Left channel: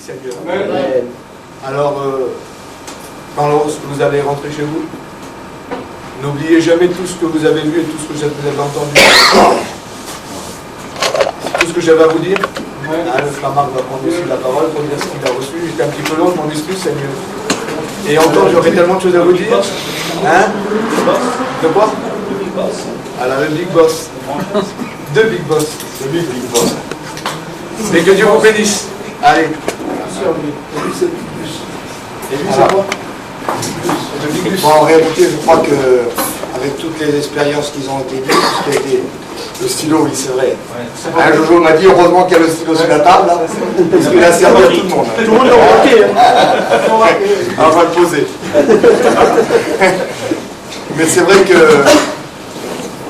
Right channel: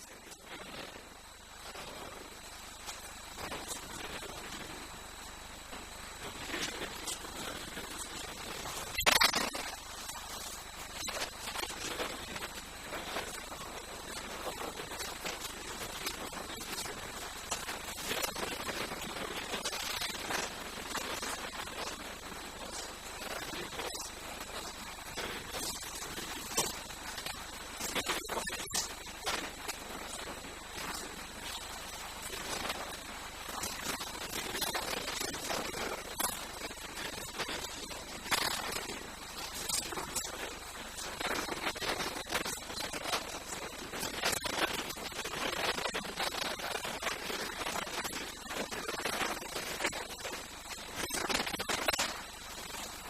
Seigneur. Amen. Alors, quand vous allez rentrer chez vous, n'oubliez jamais tout ce que vous avez vu et tout ce que vous avez entendu. Tout ce que j'avais à vous dire. Le flamard va prendre aussi la parole pour dire ce qu'il a reçu. J'étais un petit peu long, je m'en excuse, Seigneur. Et encore, j'aurais tellement de choses à vous dire. Hein? De quoi? Alors, le Big Boss. Deux Big Boss. Le Big Boss. Mais que Dieu vous bénisse. Allez. Et lui, c'est quoi? Bon, en réalité, je crois que avec toutes les expériences qu'ils ont été dites, tout ce qui a été le stylo, oui, c'est vrai. Un Jojo m'a dit heureusement qu'il y a le stylo sur la table, hein, parce qu'il a servi à tout le monde. Tout le monde l'a remarqué. On va le poser. Mais c'est vrai que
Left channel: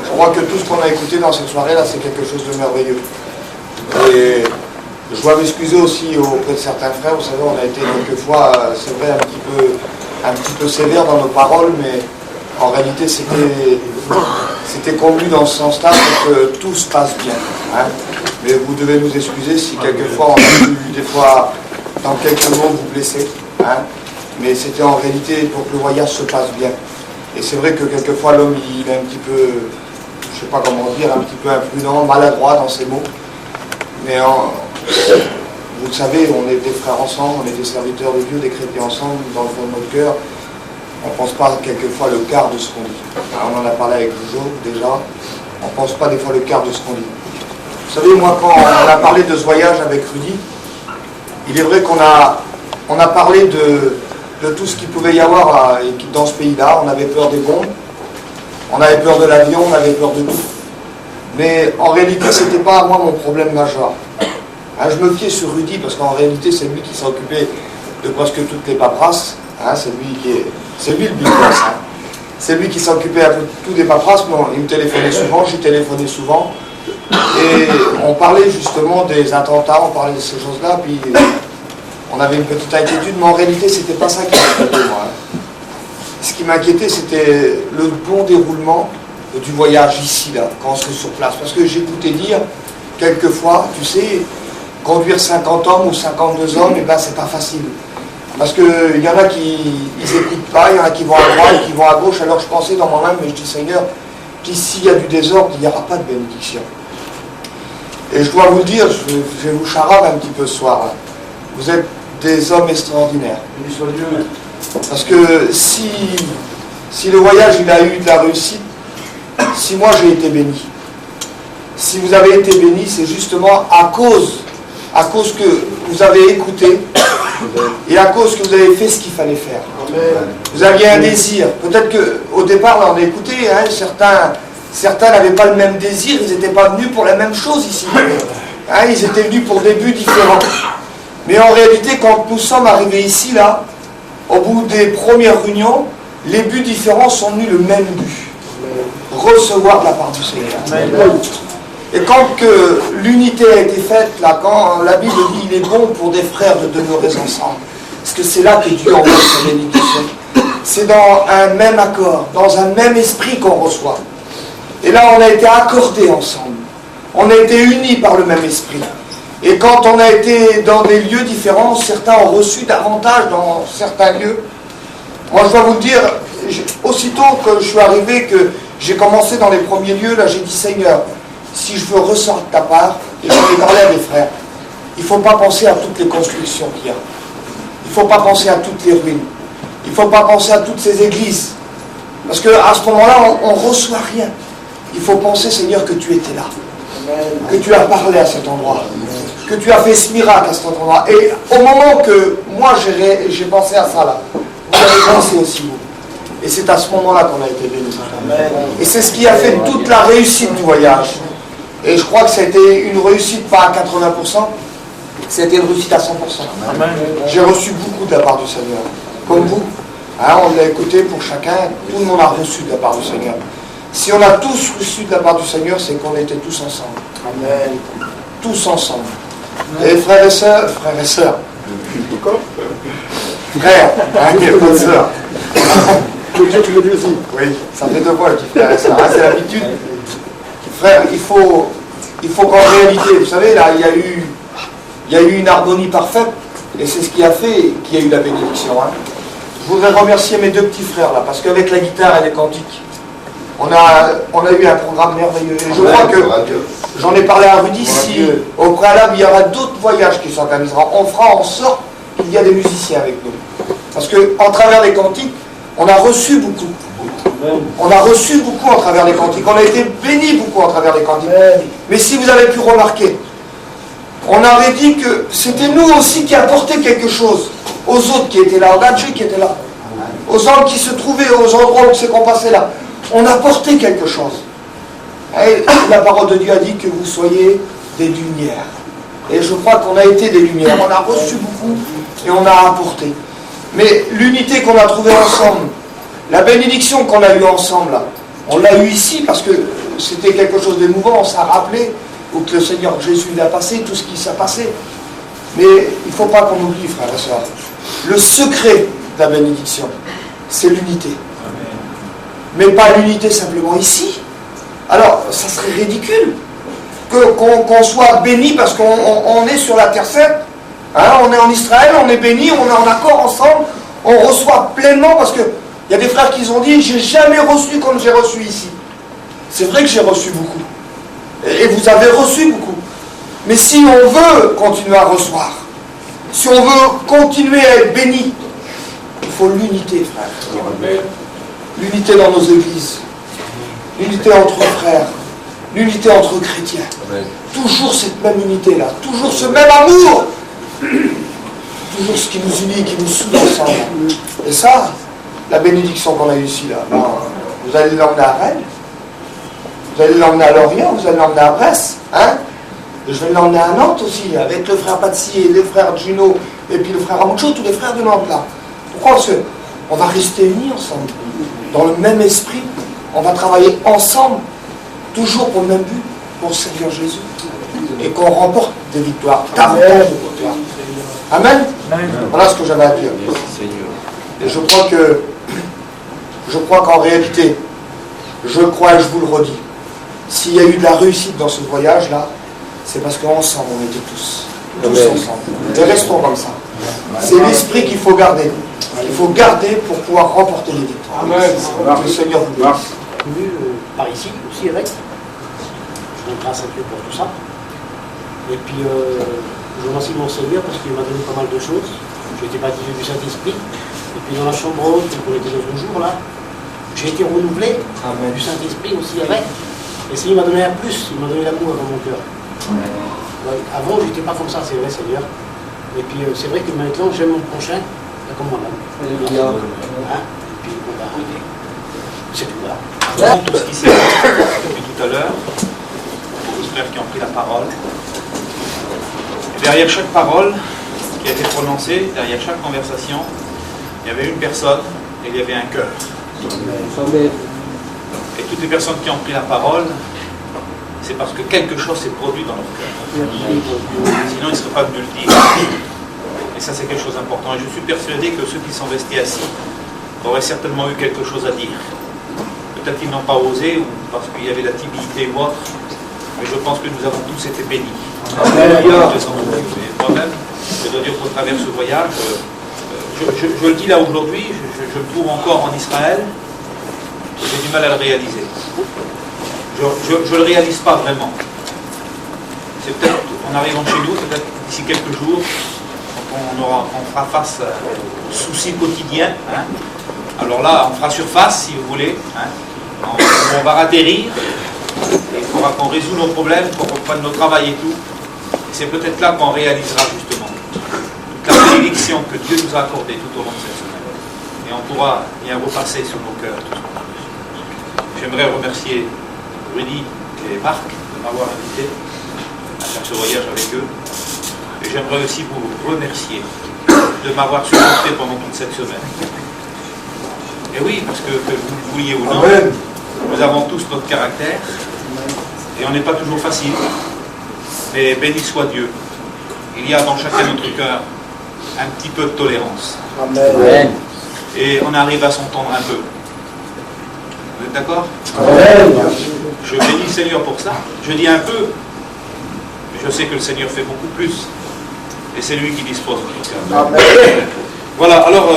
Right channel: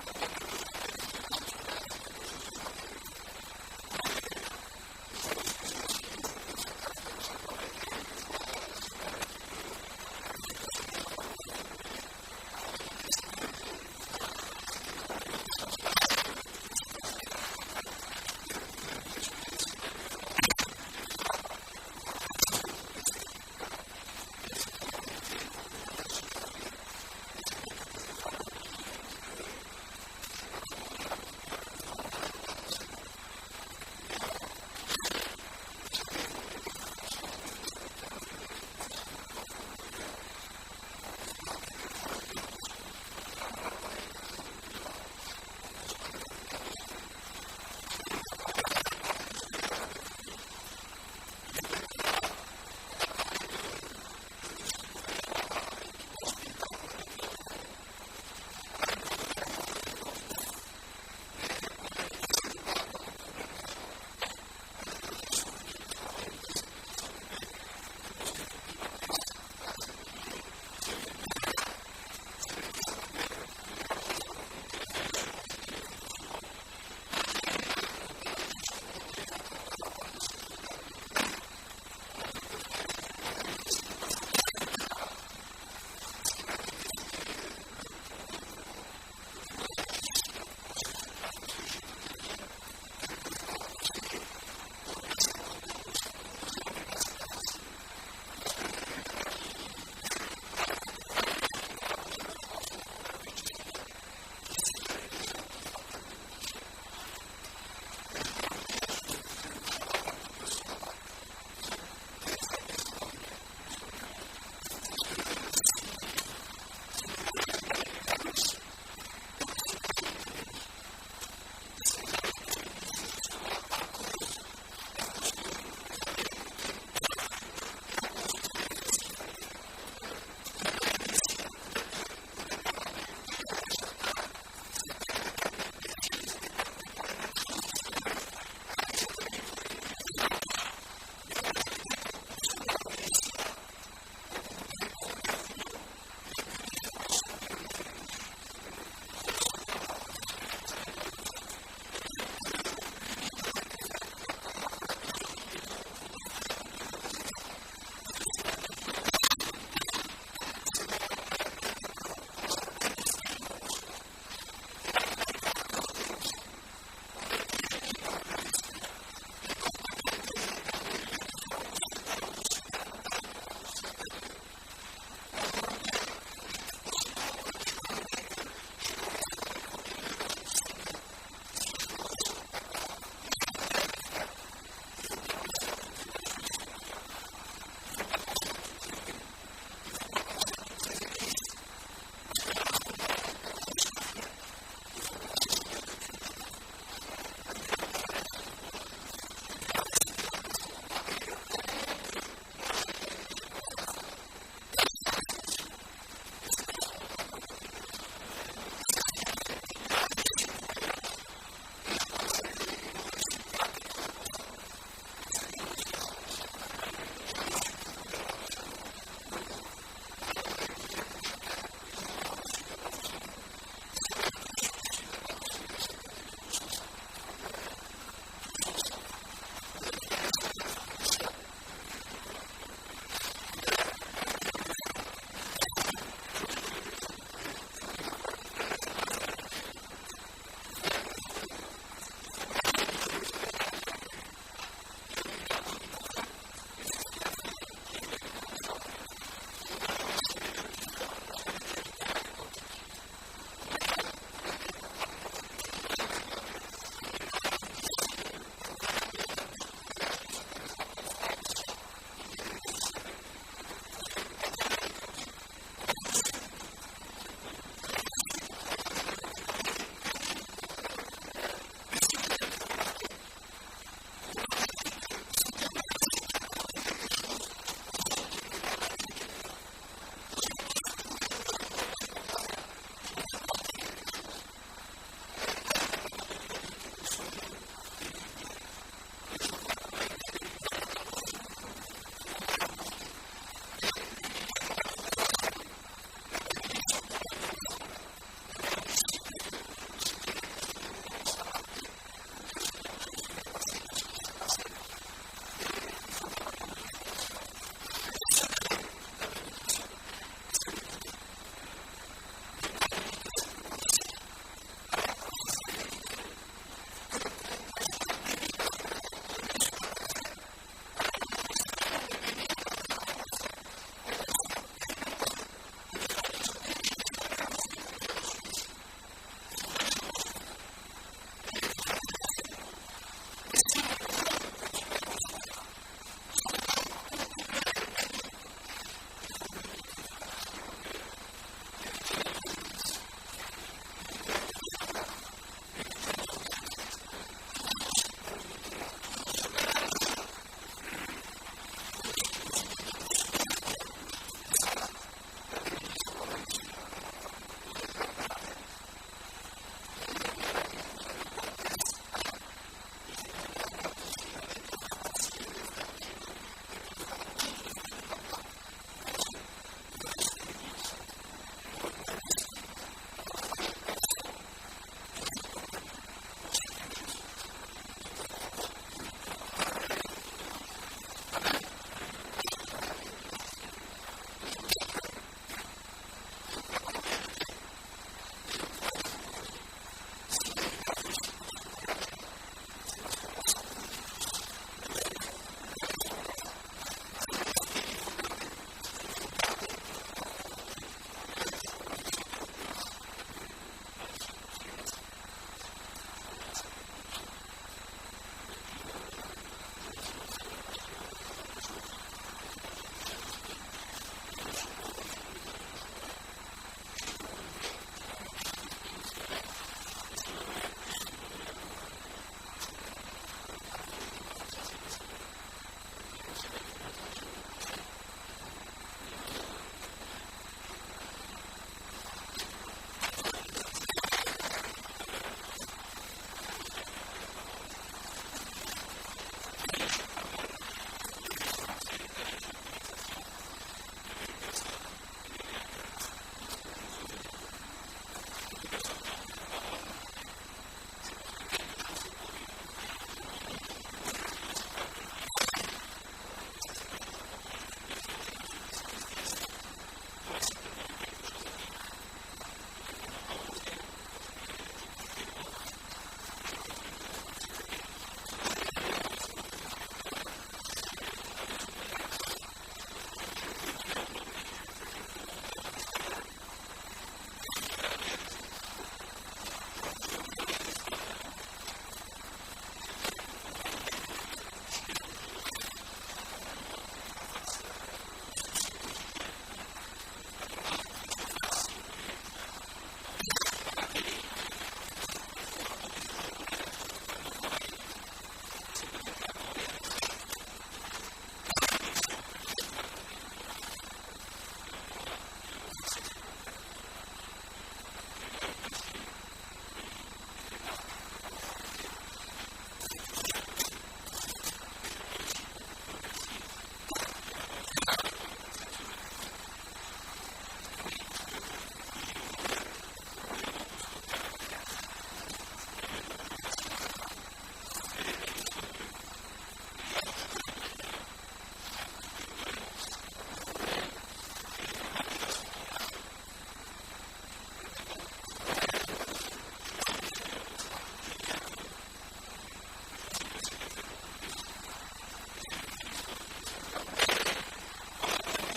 je crois que tout ce qu'on a écouté dans cette soirée-là, c'est quelque chose de merveilleux. Et je dois m'excuser aussi auprès de certains frères. Vous savez, on a été quelquefois, c'est vrai, un petit peu sévère dans nos paroles, mais en réalité, c'était convenu dans ce sens-là pour que tout se passe bien. Hein. Mais vous devez nous excuser si quelquefois on a pu, des fois, dans quelques mots, vous blesser. Hein. Mais c'était en réalité pour que le voyage se passe bien. Et c'est vrai que quelquefois, l'homme, il est un petit peu, je ne sais pas comment dire, un petit peu imprudent, maladroit dans ses mots. Mais vous le savez, on est des frères ensemble, on est des serviteurs de Dieu, des chrétiens ensemble, dans le fond de notre cœur. On ne pense pas quelquefois le quart de ce qu'on dit. Alors, on en a parlé avec Jojo déjà. On ne pense pas des fois le quart de ce qu'on dit. Vous savez, moi, quand on a parlé de ce voyage avec Rudy, il est vrai qu'on a parlé de tout ce qu'il pouvait y avoir dans ce pays-là. On avait peur des bombes, on avait peur de l'avion, on avait peur de tout. Mais en réalité, ce n'était pas moi mon problème majeur. Hein, je me fiais sur Rudy parce qu'en réalité, c'est lui qui s'est occupé de presque toutes les paperasses. Hein, c'est lui le big boss. Hein. C'est lui qui s'est occupé un peu de tout des paperasses. Mais il me téléphonait souvent, j'y téléphonais souvent. Et on parlait justement des attentats, on parlait de ces choses-là. Puis on avait une petite inquiétude, mais en réalité, c'était pas ça qui m'inquiétait, moi. Hein. Ce qui m'inquiétait, c'était le bon déroulement du voyage ici, là, quand on serait sur place. Parce que j'écoutais dire, quelquefois, tu sais, conduire 50 hommes ou 52 hommes, et ben c'est pas facile. Parce qu'il y en a qui n'écoutent pas, il y en a qui vont à droite et qui vont à gauche. Alors je pensais dans moi-même, mais je dis Seigneur, qu'ici il y a du désordre, il n'y aura pas de bénédiction. Et je dois vous le dire, je vais vous charade un petit peu ce soir. Hein. Vous êtes des hommes extraordinaires. Parce que si le voyage il a eu de la réussite, si moi j'ai été béni, si vous avez été béni, c'est justement à cause que vous avez écouté et à cause que vous avez fait ce qu'il fallait faire. Vous aviez un désir. Peut-être qu'au départ, là, on a écouté, hein, certains n'avaient pas le même désir, ils n'étaient pas venus pour la même chose ici. Hein, ils étaient venus pour des buts différents. Mais en réalité, quand nous sommes arrivés ici, là, au bout des premières réunions, les buts différents sont venus le même but. Recevoir de la part du Seigneur. Et quand que l'unité a été faite, là, quand la Bible dit il est bon pour des frères de demeurer ensemble, parce que c'est là que Dieu envoie sa bénédiction. C'est dans un même accord, dans un même esprit qu'on reçoit. Et là, on a été accordés ensemble. On a été unis par le même esprit. Et quand on a été dans des lieux différents, certains ont reçu davantage dans certains lieux. Moi, je dois vous le dire, aussitôt que je suis arrivé, que j'ai commencé dans les premiers lieux, là, j'ai dit Seigneur, si je veux ressortir de ta part, et j'en ai parlé à mes frères, il ne faut pas penser à toutes les constructions qu'il y a. Il ne faut pas penser à toutes les ruines. Il ne faut pas penser à toutes ces églises. Parce qu'à ce moment-là, on ne reçoit rien. Il faut penser, Seigneur, que tu étais là. Que tu as parlé à cet endroit. Que tu as fait ce miracle à cet endroit. Et au moment que moi j'ai pensé à ça là, vous avez pensé aussi vous. Et c'est à ce moment-là qu'on a été bénis. Et c'est ce qui a fait toute la réussite du voyage. Et je crois que c'était une réussite pas à 80%, c'était une réussite à 100%. J'ai reçu beaucoup de la part du Seigneur. Comme vous. Hein, on l'a écouté pour chacun, tout le monde a reçu de la part du Seigneur. Si on a tous reçu de la part du Seigneur, c'est qu'on était tous ensemble. Amen. Tous ensemble. Et frères et sœurs, frères, hein, il n'y a pas de sœurs. Tu le dis aussi. Oui, ça fait deux fois, je dis frères et sœurs. Hein, c'est l'habitude. Frère, il faut qu'en réalité, vous savez, là, il y a eu une harmonie parfaite, Et c'est ce qui a fait qu'il y a eu la bénédiction. Hein. Je voudrais remercier mes deux petits frères là, parce qu'avec la guitare et les cantiques, on a eu un programme merveilleux. Et je crois que, j'en ai parlé à Rudy, si au préalable il y aura d'autres voyages qui s'organiseront, on fera en sorte qu'il y a des musiciens avec nous. Parce qu'en travers les cantiques, on a reçu beaucoup. On a reçu beaucoup en travers les cantiques. On a été bénis beaucoup en travers les cantiques. Mais si vous avez pu remarquer, on avait dit que c'était nous aussi qui apportions quelque chose aux autres qui étaient là, aux gadgets qui étaient là, aux hommes qui se trouvaient aux endroits où c'est qu'on passait là. On apportait quelque chose. Et la parole de Dieu a dit que vous soyez des lumières. Et je crois qu'on a été des lumières. On a reçu beaucoup et on a apporté. Mais l'unité qu'on a trouvée ensemble, la bénédiction qu'on a eue ensemble, là, on l'a eue ici parce que c'était quelque chose d'émouvant, on s'est rappelé où que le Seigneur Jésus l'a passé, tout ce qui s'est passé. Mais il ne faut pas qu'on oublie, frères et sœurs, le secret de la bénédiction, c'est l'unité. Mais pas l'unité simplement ici. Alors, ça serait ridicule qu'on soit béni parce qu'on est sur la terre sainte. Hein, on est en Israël, on est béni, on est en accord ensemble, on reçoit pleinement parce que il y a des frères qui ont dit, j'ai jamais reçu comme j'ai reçu ici. C'est vrai que j'ai reçu beaucoup. Et vous avez reçu beaucoup. Mais si on veut continuer à recevoir, si on veut continuer à être béni, il faut l'unité, frère. L'unité dans nos églises. L'unité entre frères. L'unité entre chrétiens. Toujours cette même unité-là. Toujours ce même amour. Toujours ce qui nous unit, qui nous soude ensemble. Et ça, la bénédiction qu'on a eue ici, là, ben, vous allez l'emmener à Rennes, vous allez l'emmener à Lorient, vous allez l'emmener à Brest, hein? Et je vais l'emmener à Nantes aussi, avec le frère Patsy et les frères Juno, et puis le frère Amucho, tous les frères de Nantes là. Pourquoi? Parce qu'on va rester unis ensemble, dans le même esprit, on va travailler ensemble, toujours pour le même but, pour servir Jésus, et qu'on remporte des victoires, davantage de victoires. Amen. Voilà ce que j'avais à dire. Et je crois qu'en réalité, je crois et je vous le redis, s'il y a eu de la réussite dans ce voyage-là, c'est parce qu'ensemble, on était tous ensemble. Et restons comme ça. C'est l'esprit qu'il faut garder. Il faut garder pour pouvoir remporter les victoires. Amen. Le Seigneur vous bénisse. Par ici, aussi avec. Je rends grâce à Dieu pour tout ça. Et puis, je remercie mon Seigneur parce qu'il m'a donné pas mal de choses. J'ai été baptisé du Saint-Esprit. Et puis dans la chambre haute, pour les 19 jours là, j'ai été renouvelé du Saint-Esprit aussi avec. Et c'est, il m'a donné un plus, il m'a donné l'amour dans mon cœur. Avant, je n'étais pas comme ça, c'est vrai, Seigneur. Et puis c'est vrai que maintenant, j'aime mon prochain, comme moi-même. Hein? Et puis, bon, bah, c'est tout là. Dans tout ce qui s'est passé depuis tout à l'heure, les frères qui ont pris la parole. Et derrière chaque parole qui a été prononcée, derrière chaque conversation, il y avait une personne et il y avait un cœur. Et toutes les personnes qui ont pris la parole, c'est parce que quelque chose s'est produit dans leur cœur. Sinon, ils ne seraient pas venus le dire. Et ça, c'est quelque chose d'important. Et je suis persuadé que ceux qui sont restés assis auraient certainement eu quelque chose à dire. Peut-être qu'ils n'ont pas osé, ou parce qu'il y avait la timidité ou autre, mais je pense que nous avons tous été bénis. Moi-même, je dois dire qu'au travers de ce voyage, je le dis là aujourd'hui, je me trouve encore en Israël, j'ai du mal à le réaliser. Je ne le réalise pas vraiment. C'est peut-être, en arrivant chez nous, peut-être d'ici quelques jours, on fera face aux soucis quotidiens. Hein. Alors là, on fera surface, si vous voulez. Hein. On va atterrir. Il faudra qu'on résout nos problèmes, qu'on reprenne nos travail et tout. Et c'est peut-être là qu'on réalisera justement toute la bénédiction que Dieu nous a accordée tout au long de cette semaine. Et on pourra bien repasser sur nos cœurs. J'aimerais remercier Rudy et Marc de m'avoir invité à faire ce voyage avec eux. Et j'aimerais aussi vous remercier de m'avoir supporté pendant toute cette semaine. Et oui, parce que vous le vouliez ou non, nous avons tous notre caractère. Et on n'est pas toujours facile. Mais béni soit Dieu. Il y a dans chacun de notre cœur un petit peu de tolérance. Amen. Et on arrive à s'entendre un peu. Vous êtes d'accord? Je bénis le Seigneur pour ça. Je dis un peu, mais je sais que le Seigneur fait beaucoup plus. Et c'est lui qui dispose de tout ça. Amen. Voilà, alors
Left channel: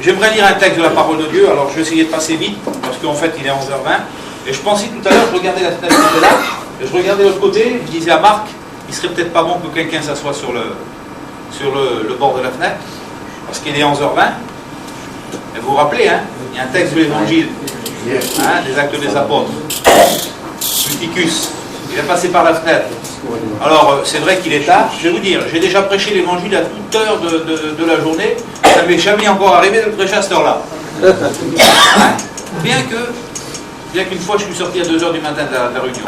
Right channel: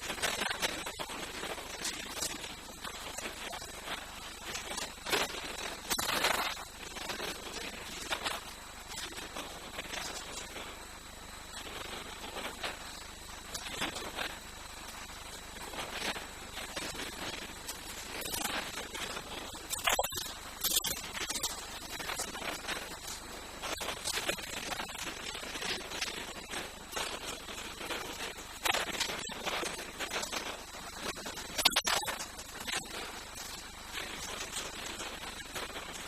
j'aimerais lire un texte de la parole de Dieu. Alors je vais essayer de passer vite, parce qu'en fait il est 11h20. Et je pensais tout à l'heure, je regardais la fenêtre qui était là, et je regardais de l'autre côté, je disais à Marc, il serait peut-être pas bon que quelqu'un s'assoie sur le bord de la fenêtre, parce qu'il est 11h20. Et vous vous rappelez, hein, il y a un texte de l'évangile, hein, des Actes des Apôtres. Eutychus, il est passé par la fenêtre. Alors, c'est vrai qu'il est tard. Je vais vous dire, j'ai déjà prêché l'évangile à toute heure de la journée. Ça ne m'est jamais encore arrivé de le prêcher à cette heure-là. Hein? Bien qu'une fois, je suis sorti à 2h du matin de la réunion.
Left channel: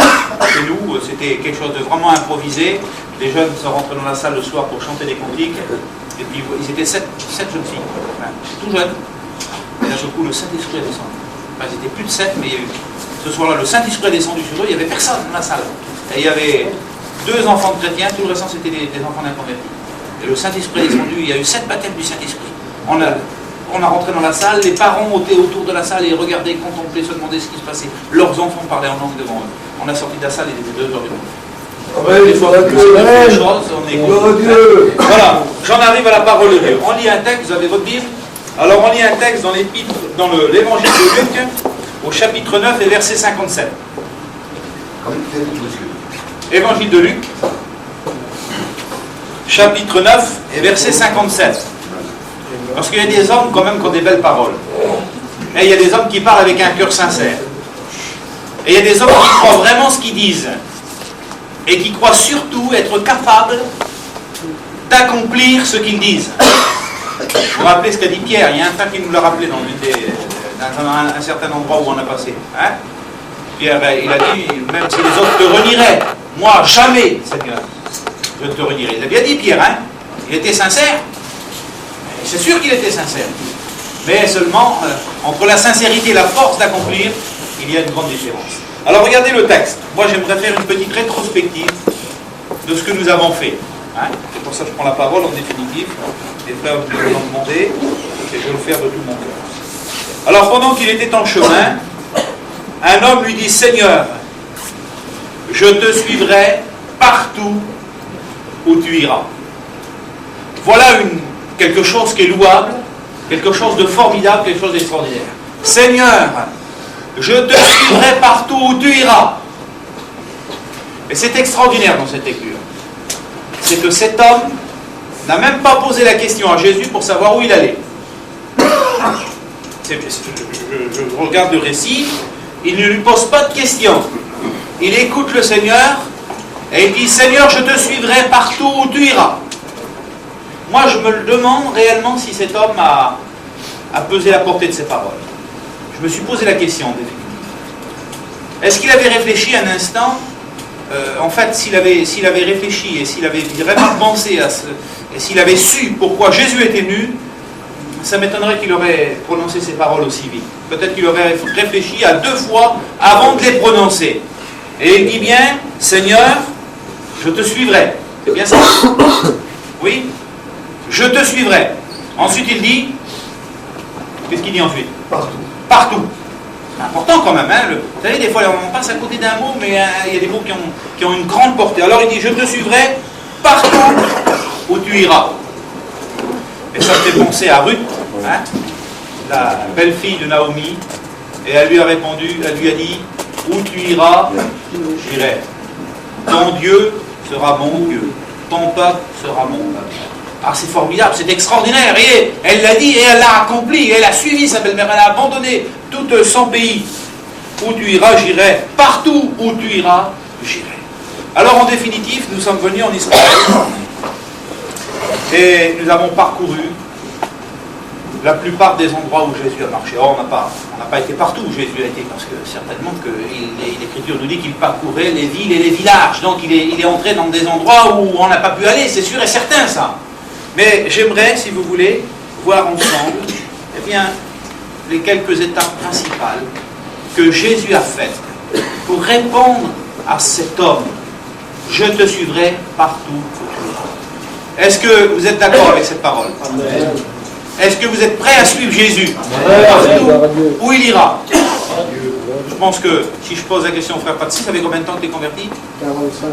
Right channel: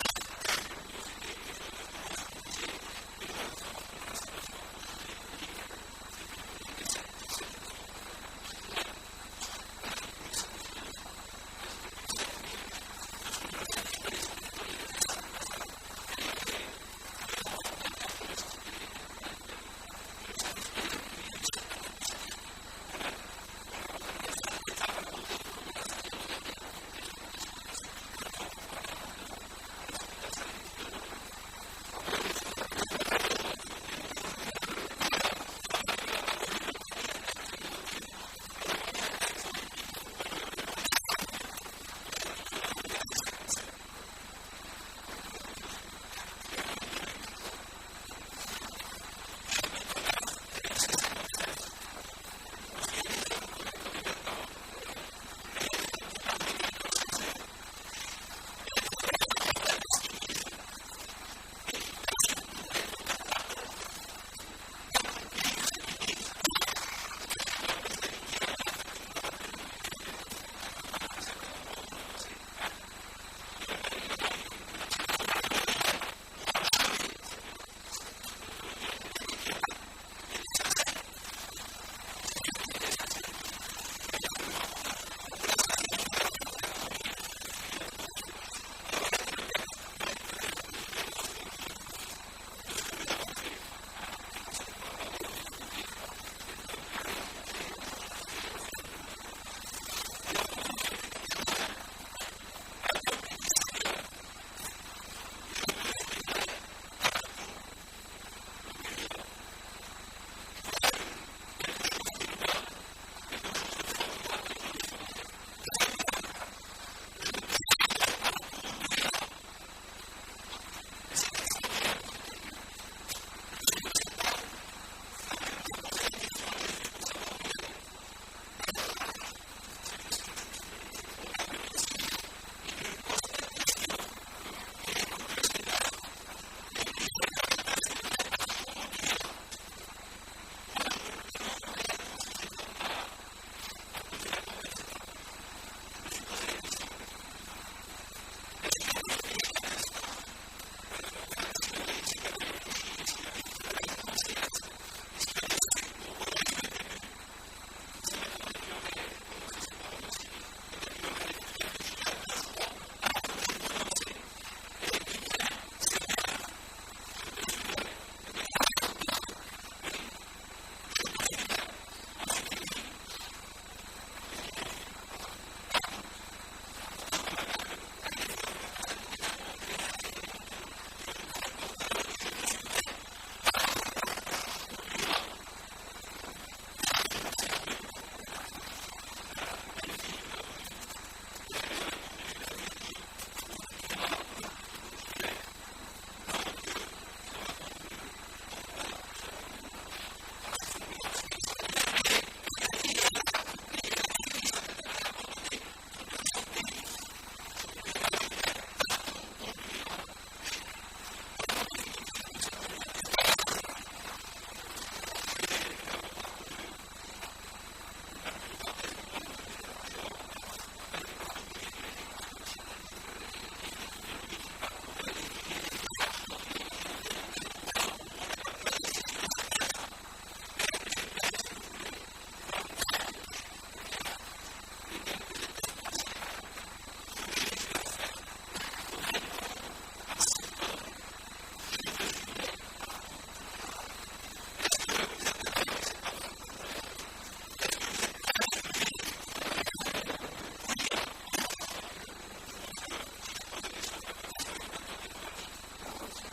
Chez nous, c'était quelque chose de vraiment improvisé. Les jeunes sont rentrés dans la salle le soir pour chanter des cantiques. Et puis, ils étaient 7 jeunes filles, hein, tout jeunes. Et là, du coup, le Saint-Esprit est descendu. Enfin, ils étaient plus de 7, mais il y a eu... Ce soir-là, le Saint-Esprit est descendu sur eux, il n'y avait personne dans la salle. Et il y avait 2 enfants de chrétiens, tout le restant c'était des enfants d'inconvertis. Et le Saint-Esprit est descendu, il y a eu 7 baptêmes du Saint-Esprit. On a rentré dans la salle, les parents étaient autour de la salle et regardaient, contemplaient, se demandaient ce qui se passait. Leurs enfants parlaient en langue devant eux. On a sorti de la salle, il était 2h du matin. Des fois, on est... Voilà, j'en arrive à la parole de Dieu. On lit un texte, vous avez votre Bible. Alors on lit un texte dans l'évangile de Luc, au chapitre 9 et verset 57. Évangile de Luc, chapitre 9 et verset 57. Parce qu'il y a des hommes quand même qui ont des belles paroles. Et il y a des hommes qui parlent avec un cœur sincère. Et il y a des hommes qui croient vraiment ce qu'ils disent. Et qui croient surtout être capables d'accomplir ce qu'ils disent. Vous vous rappelez ce qu'a dit Pierre? Il y a un frère qui nous l'a rappelé dans un certain endroit où on a passé. Hein? Pierre, il a dit, même si les autres te renieraient, moi jamais, Seigneur, je te renierai. Il a bien dit Pierre, hein? Il était sincère. C'est sûr qu'il était sincère. Mais seulement, entre la sincérité et la force d'accomplir, il y a une grande différence. Alors regardez le texte. Moi j'aimerais faire une petite rétrospective de ce que nous avons fait. Hein? C'est pour ça que je prends la parole en définitive. Les frères me l'ont demandé, et je vais le faire de tout mon cœur. Alors pendant qu'il était en chemin, un homme lui dit, Seigneur, je te suivrai partout où tu iras. Voilà quelque chose qui est louable, quelque chose de formidable, quelque chose d'extraordinaire. Seigneur, je te suivrai partout où tu iras. Et c'est extraordinaire dans cette lecture. C'est que cet homme n'a même pas posé la question à Jésus pour savoir où il allait. Je regarde le récit, il ne lui pose pas de questions. Il écoute le Seigneur et il dit, Seigneur, je te suivrai partout où tu iras. Moi, je me le demande réellement si cet homme a pesé la portée de ses paroles. Je me suis posé la question, en définitive. Est-ce qu'il avait réfléchi un instant en fait, s'il avait réfléchi et s'il avait vraiment pensé à et s'il avait su pourquoi Jésus était venu, ça m'étonnerait qu'il aurait prononcé ces paroles aussi vite. Peut-être qu'il aurait réfléchi à 2 fois avant de les prononcer. Et il dit bien, Seigneur, je te suivrai. C'est bien ça? Oui? Je te suivrai. Ensuite il dit, qu'est-ce qu'il dit ensuite? Partout. Partout. C'est important quand même. Hein, vous savez, des fois on passe à côté d'un mot, mais il y a des mots qui ont une grande portée. Alors il dit, je te suivrai partout où tu iras. Et ça me fait penser à Ruth, hein, la belle-fille de Naomi, et elle lui a répondu, elle lui a dit, où tu iras, j'irai. Ton Dieu sera mon Dieu, ton peuple sera mon peuple. Ah, c'est formidable, c'est extraordinaire. Et elle l'a dit et elle l'a accompli. Elle a suivi sa belle-mère, elle a abandonné tout son pays. Où tu iras, j'irai. Partout où tu iras, j'irai. Alors en définitive, nous sommes venus en Israël et nous avons parcouru la plupart des endroits où Jésus a marché. Or, on n'a pas été partout où Jésus a été, parce que certainement que l'Écriture nous dit qu'il parcourait les villes et les villages. Donc il est entré dans des endroits où on n'a pas pu aller, c'est sûr et certain ça. Mais j'aimerais, si vous voulez, voir ensemble eh bien, les quelques étapes principales que Jésus a faites pour répondre à cet homme. Je te suivrai partout où tu iras. Est-ce que vous êtes d'accord avec cette parole? Amen. Est-ce que vous êtes prêts à suivre Jésus partout où il ira? Je pense que si je pose la question au frère Patsy, ça fait combien de temps que tu es converti? 45.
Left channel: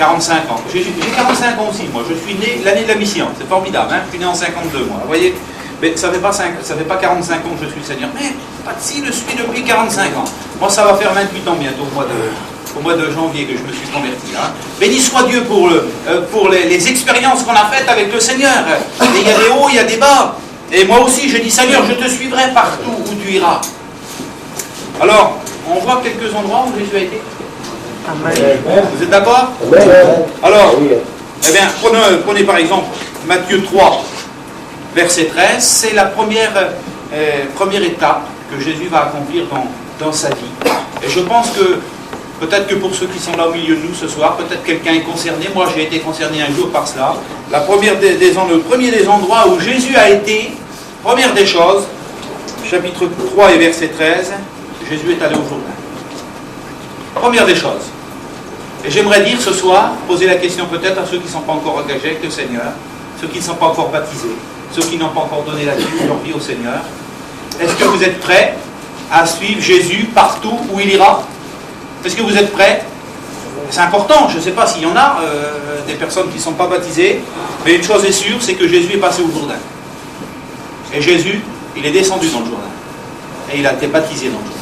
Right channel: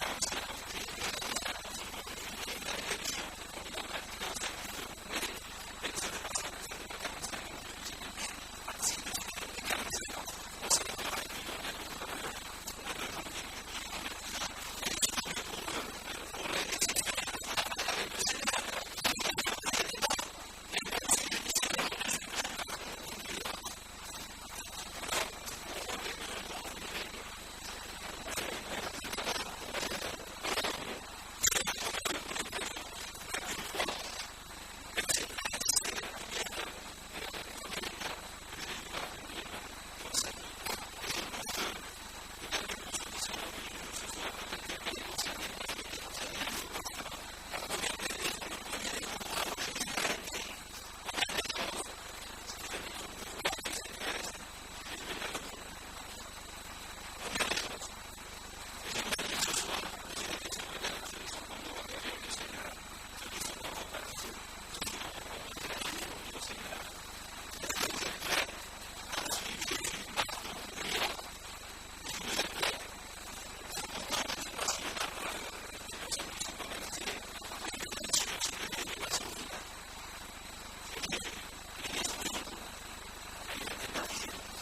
45 ans. J'ai 45 ans aussi, moi. Je suis né l'année de la mission. C'est formidable, hein? Je suis né en 52, moi. Vous voyez? Mais ça fait pas 45 ans que je suis Seigneur. Mais pas de si, je suis depuis 45 ans. Moi, ça va faire 28 ans bientôt, au mois de janvier que je me suis converti. Hein. Béni soit Dieu pour les expériences qu'on a faites avec le Seigneur. Et il y a des hauts, il y a des bas. Et moi aussi, je dis, Seigneur, je te suivrai partout où tu iras. Alors, on voit quelques endroits où Jésus a été. Amen. Vous êtes d'accord? Alors, eh bien, prenez par exemple Matthieu 3, verset 13. C'est la première étape que Jésus va accomplir dans sa vie. Et je pense que, peut-être que pour ceux qui sont là au milieu de nous ce soir, peut-être quelqu'un est concerné. Moi, j'ai été concerné un jour par cela. Le premier des endroits où Jésus a été, première des choses, chapitre 3 et verset 13, Jésus est allé au Jourdain. Première des choses. Et j'aimerais dire ce soir, poser la question peut-être à ceux qui ne sont pas encore engagés avec le Seigneur, ceux qui ne sont pas encore baptisés, ceux qui n'ont pas encore donné leur vie au Seigneur. Est-ce que vous êtes prêts à suivre Jésus partout où il ira? Est-ce que vous êtes prêts? C'est important, je ne sais pas s'il y en a des personnes qui ne sont pas baptisées, mais une chose est sûre, c'est que Jésus est passé au Jourdain. Et Jésus, il est descendu dans le Jourdain. Et il a été baptisé dans le Jourdain.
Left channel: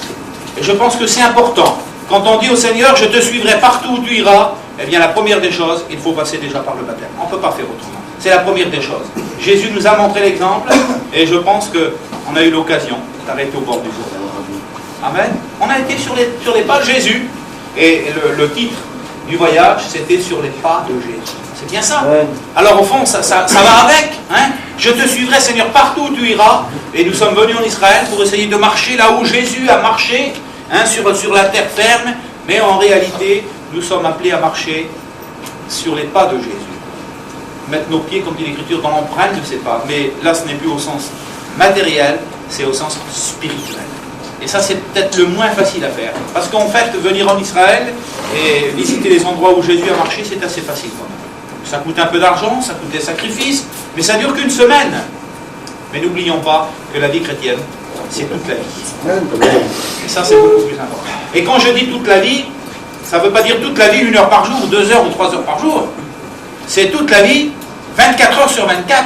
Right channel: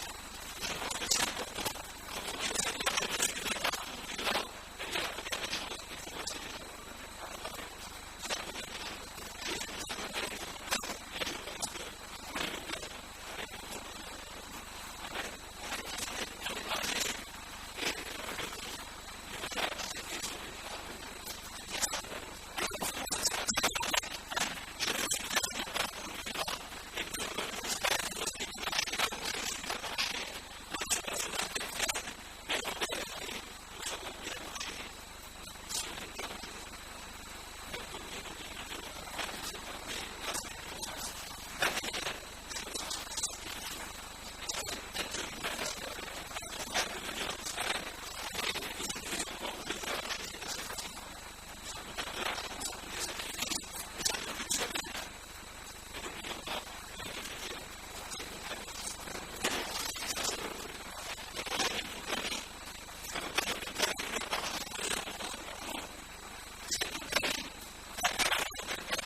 Et je pense que c'est important. Quand on dit au Seigneur, je te suivrai partout où tu iras, eh bien la première des choses, il faut passer déjà par le baptême. On ne peut pas faire autrement. C'est la première des choses. Jésus nous a montré l'exemple, et je pense qu'on a eu l'occasion d'arrêter au bord du Jourdain. Amen. On a été sur les pas de Jésus, et le titre du voyage, c'était sur les pas de Jésus. C'est bien ça. Amen. Alors au fond, ça va avec. Hein? Je te suivrai, Seigneur, partout où tu iras. Et nous sommes venus en Israël pour essayer de marcher là où Jésus a marché, hein, sur la terre ferme. Mais en réalité, nous sommes appelés à marcher sur les pas de Jésus. Mettre nos pieds, comme dit l'Écriture, dans l'empreinte de ses pas. Mais là, ce n'est plus au sens matériel, c'est au sens spirituel. Et ça, c'est peut-être le moins facile à faire. Parce qu'en fait, venir en Israël et visiter les endroits où Jésus a marché, c'est assez facile quand même. Ça coûte un peu d'argent, ça coûte des sacrifices, mais ça dure qu'une semaine. Mais n'oublions pas que la vie chrétienne, c'est toute la vie. Et ça, c'est beaucoup plus important. Et quand je dis toute la vie, ça ne veut pas dire toute la vie, 1 heure par jour, 2 heures ou 3 heures par jour. C'est toute la vie, 24 heures sur 24.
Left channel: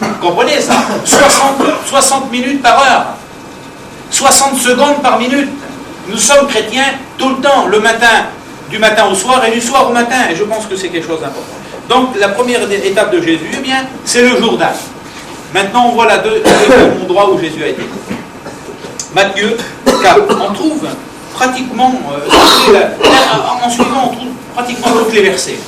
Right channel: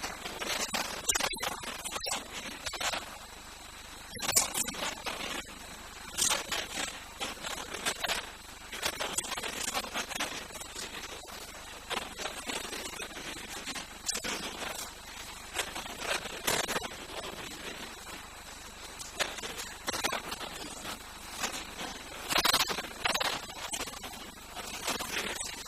Vous comprenez ça? 60 minutes par heure. 60 secondes par minute. Nous sommes chrétiens tout le temps, le matin, du matin au soir et du soir au matin. Et je pense que c'est quelque chose d'important. Donc la première étape de Jésus, eh bien, c'est le Jourdain. Maintenant, on voit le deuxième endroit où Jésus a été. Matthieu 4. On trouve pratiquement, en suivant, on trouve pratiquement tous les versets.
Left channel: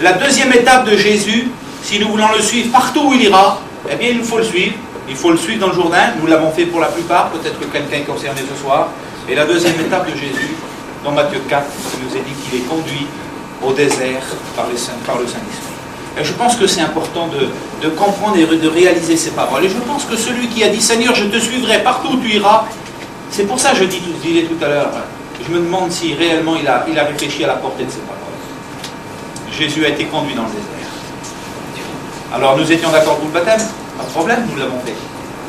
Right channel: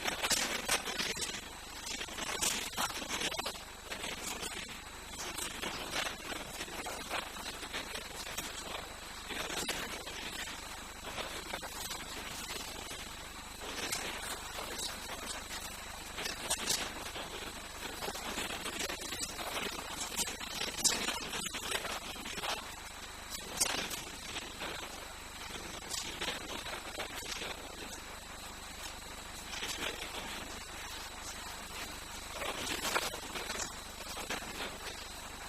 La deuxième étape de Jésus, si nous voulons le suivre partout où il ira, eh bien, il faut le suivre. Il faut le suivre dans le Jourdain. Nous l'avons fait pour la plupart. Peut-être que quelqu'un est concerné ce soir. Et la deuxième étape de Jésus, dans Matthieu 4, il nous est dit qu'il est conduit au désert par le Saint-Esprit. Et je pense que c'est important de comprendre et de réaliser ces paroles. Et je pense que celui qui a dit « Seigneur, je te suivrai partout où tu iras », c'est pour ça que je disais tout à l'heure, je me demande si réellement il a réfléchi à la portée de ces paroles. Jésus a été conduit dans le désert. Alors nous étions d'accord pour le baptême? Pas de problème, nous l'avons fait.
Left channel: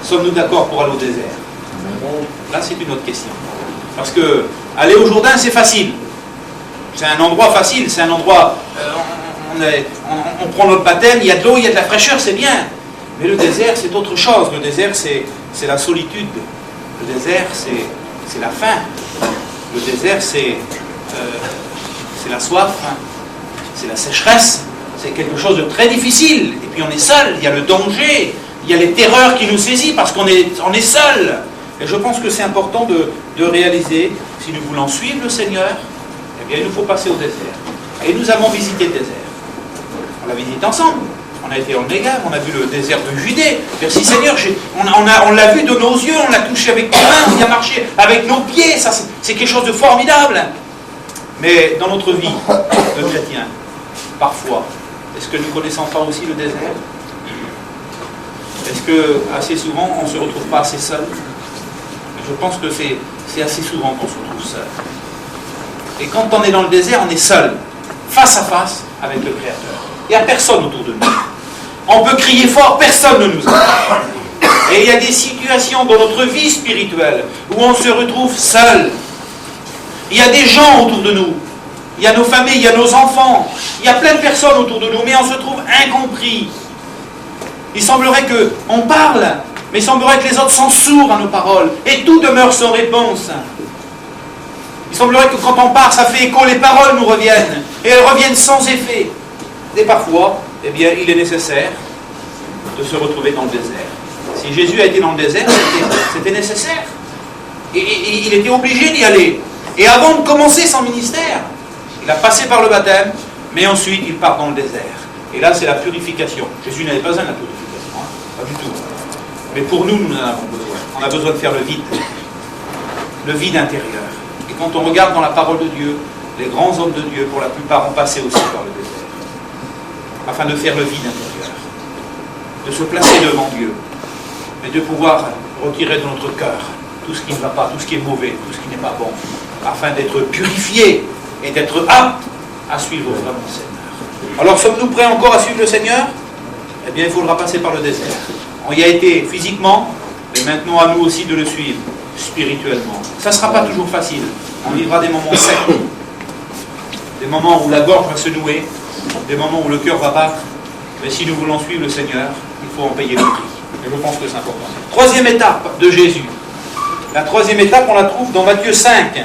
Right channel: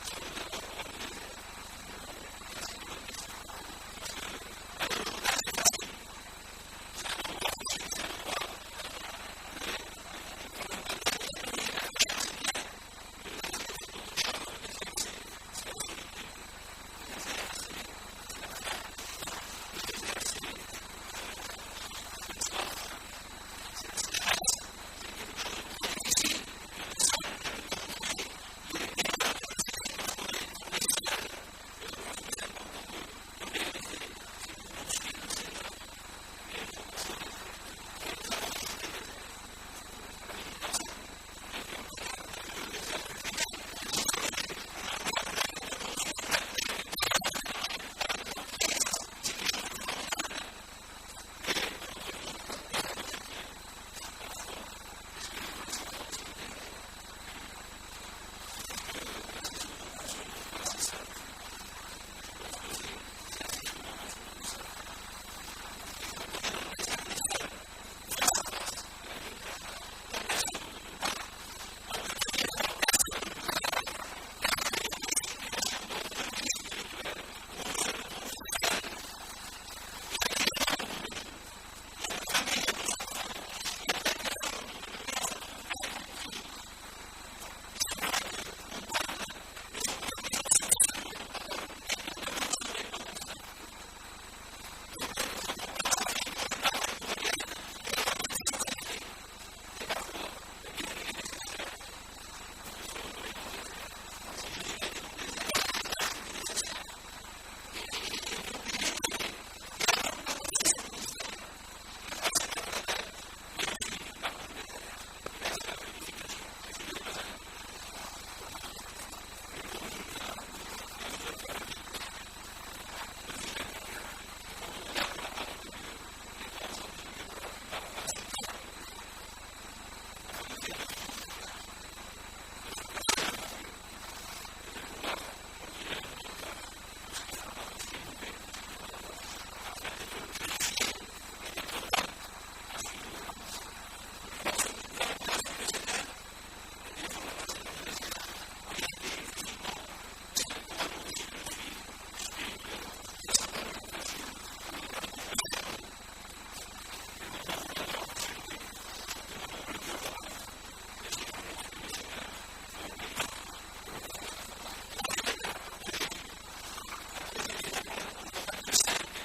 Sommes-nous d'accord pour aller au désert? Là, c'est une autre question. Parce que aller au Jourdain, c'est facile. C'est un endroit facile, c'est un endroit... on prend notre baptême, il y a de l'eau, il y a de la fraîcheur, c'est bien. Mais le désert, c'est autre chose. Le désert, c'est la solitude. Le désert, c'est la faim. Le désert, c'est la soif. C'est la sécheresse. C'est quelque chose de très difficile. Et puis on est seul, il y a le danger, il y a les terreurs qui nous saisissent parce qu'on est seul. Et je pense que c'est important de réaliser, si nous voulons suivre le Seigneur, eh bien il nous faut passer au désert. Et nous avons visité le désert. On l'a visité ensemble. On a été en Négev, on a vu le désert de Judée. Merci Seigneur, on l'a vu de nos yeux, on l'a touché avec nos mains, on y a marché avec nos pieds. Ça, c'est quelque chose de formidable. Mais dans notre vie de chrétien, parfois, est-ce que nous ne connaissons pas aussi le désert? Est-ce que assez souvent on ne se retrouve pas assez seul? Je pense que c'est assez souvent qu'on se retrouve seul. Et quand on est dans le désert, on est seul, face à face avec le Créateur. Il n'y a personne autour de nous. On peut crier fort, personne ne nous entend. Et il y a des situations dans notre vie spirituelle où on se retrouve seul. Il y a des gens autour de nous, il y a nos familles, il y a nos enfants, il y a plein de personnes autour de nous, mais on se trouve incompris. Il semblerait qu'on parle, mais il semblerait que les autres sont sourds à nos paroles, et tout demeure sans réponse. Il semblerait que quand on part, ça fait écho, les paroles nous reviennent, et elles reviennent sans effet. Et parfois, eh bien, il est nécessaire de se retrouver dans le désert. Si Jésus a été dans le désert, c'était nécessaire. Et il était obligé d'y aller. Et avant de commencer son ministère, il a passé par le baptême, mais ensuite il part dans le désert. Et là, c'est la purification. Jésus n'avait pas besoin de la purification, hein, pas du tout. Mais pour nous, nous en avons besoin. On a besoin de faire le vide intérieur. Et quand on regarde dans la parole de Dieu, les grands hommes de Dieu, pour la plupart, ont passé aussi par le désert, afin de faire le vide intérieur, de se placer devant Dieu, et de pouvoir retirer de notre cœur tout ce qui ne va pas, tout ce qui est mauvais, tout ce qui n'est pas bon, afin d'être purifié et d'être apte à suivre vraiment le Seigneur. Alors, sommes-nous prêts encore à suivre le Seigneur? Eh bien, il faudra passer par le désert. On y a été physiquement, mais maintenant à nous aussi de le suivre spirituellement. Ça ne sera pas toujours facile. On vivra des moments secs, des moments où la gorge va se nouer, des moments où le cœur va battre. Mais si nous voulons suivre le Seigneur, il faut en payer le prix. Et je pense que c'est important. Troisième étape de Jésus. La troisième étape, on la trouve dans Matthieu 5.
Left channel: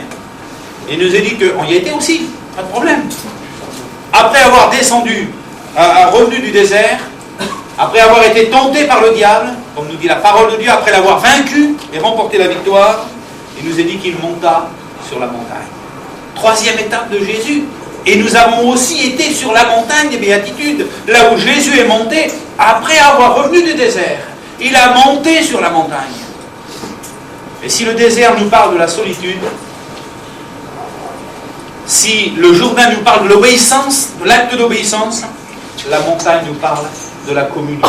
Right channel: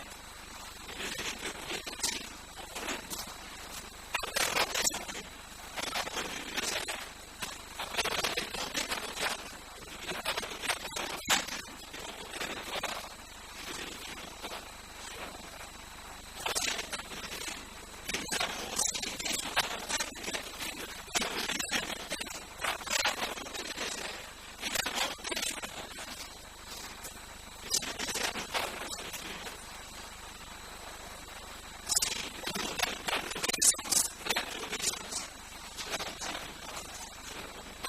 Il nous est dit qu'on y a été aussi, pas de problème. Après avoir descendu, revenu du désert, après avoir été tenté par le diable, comme nous dit la parole de Dieu, après l'avoir vaincu et remporté la victoire, il nous est dit qu'il monta sur la montagne. Troisième étape de Jésus. Et nous avons aussi été sur la montagne des béatitudes, là où Jésus est monté après avoir revenu du désert. Il a monté sur la montagne. Et si le désert nous parle de la solitude, si le Jourdain nous parle de l'obéissance, de l'acte d'obéissance, la montagne nous parle de la communion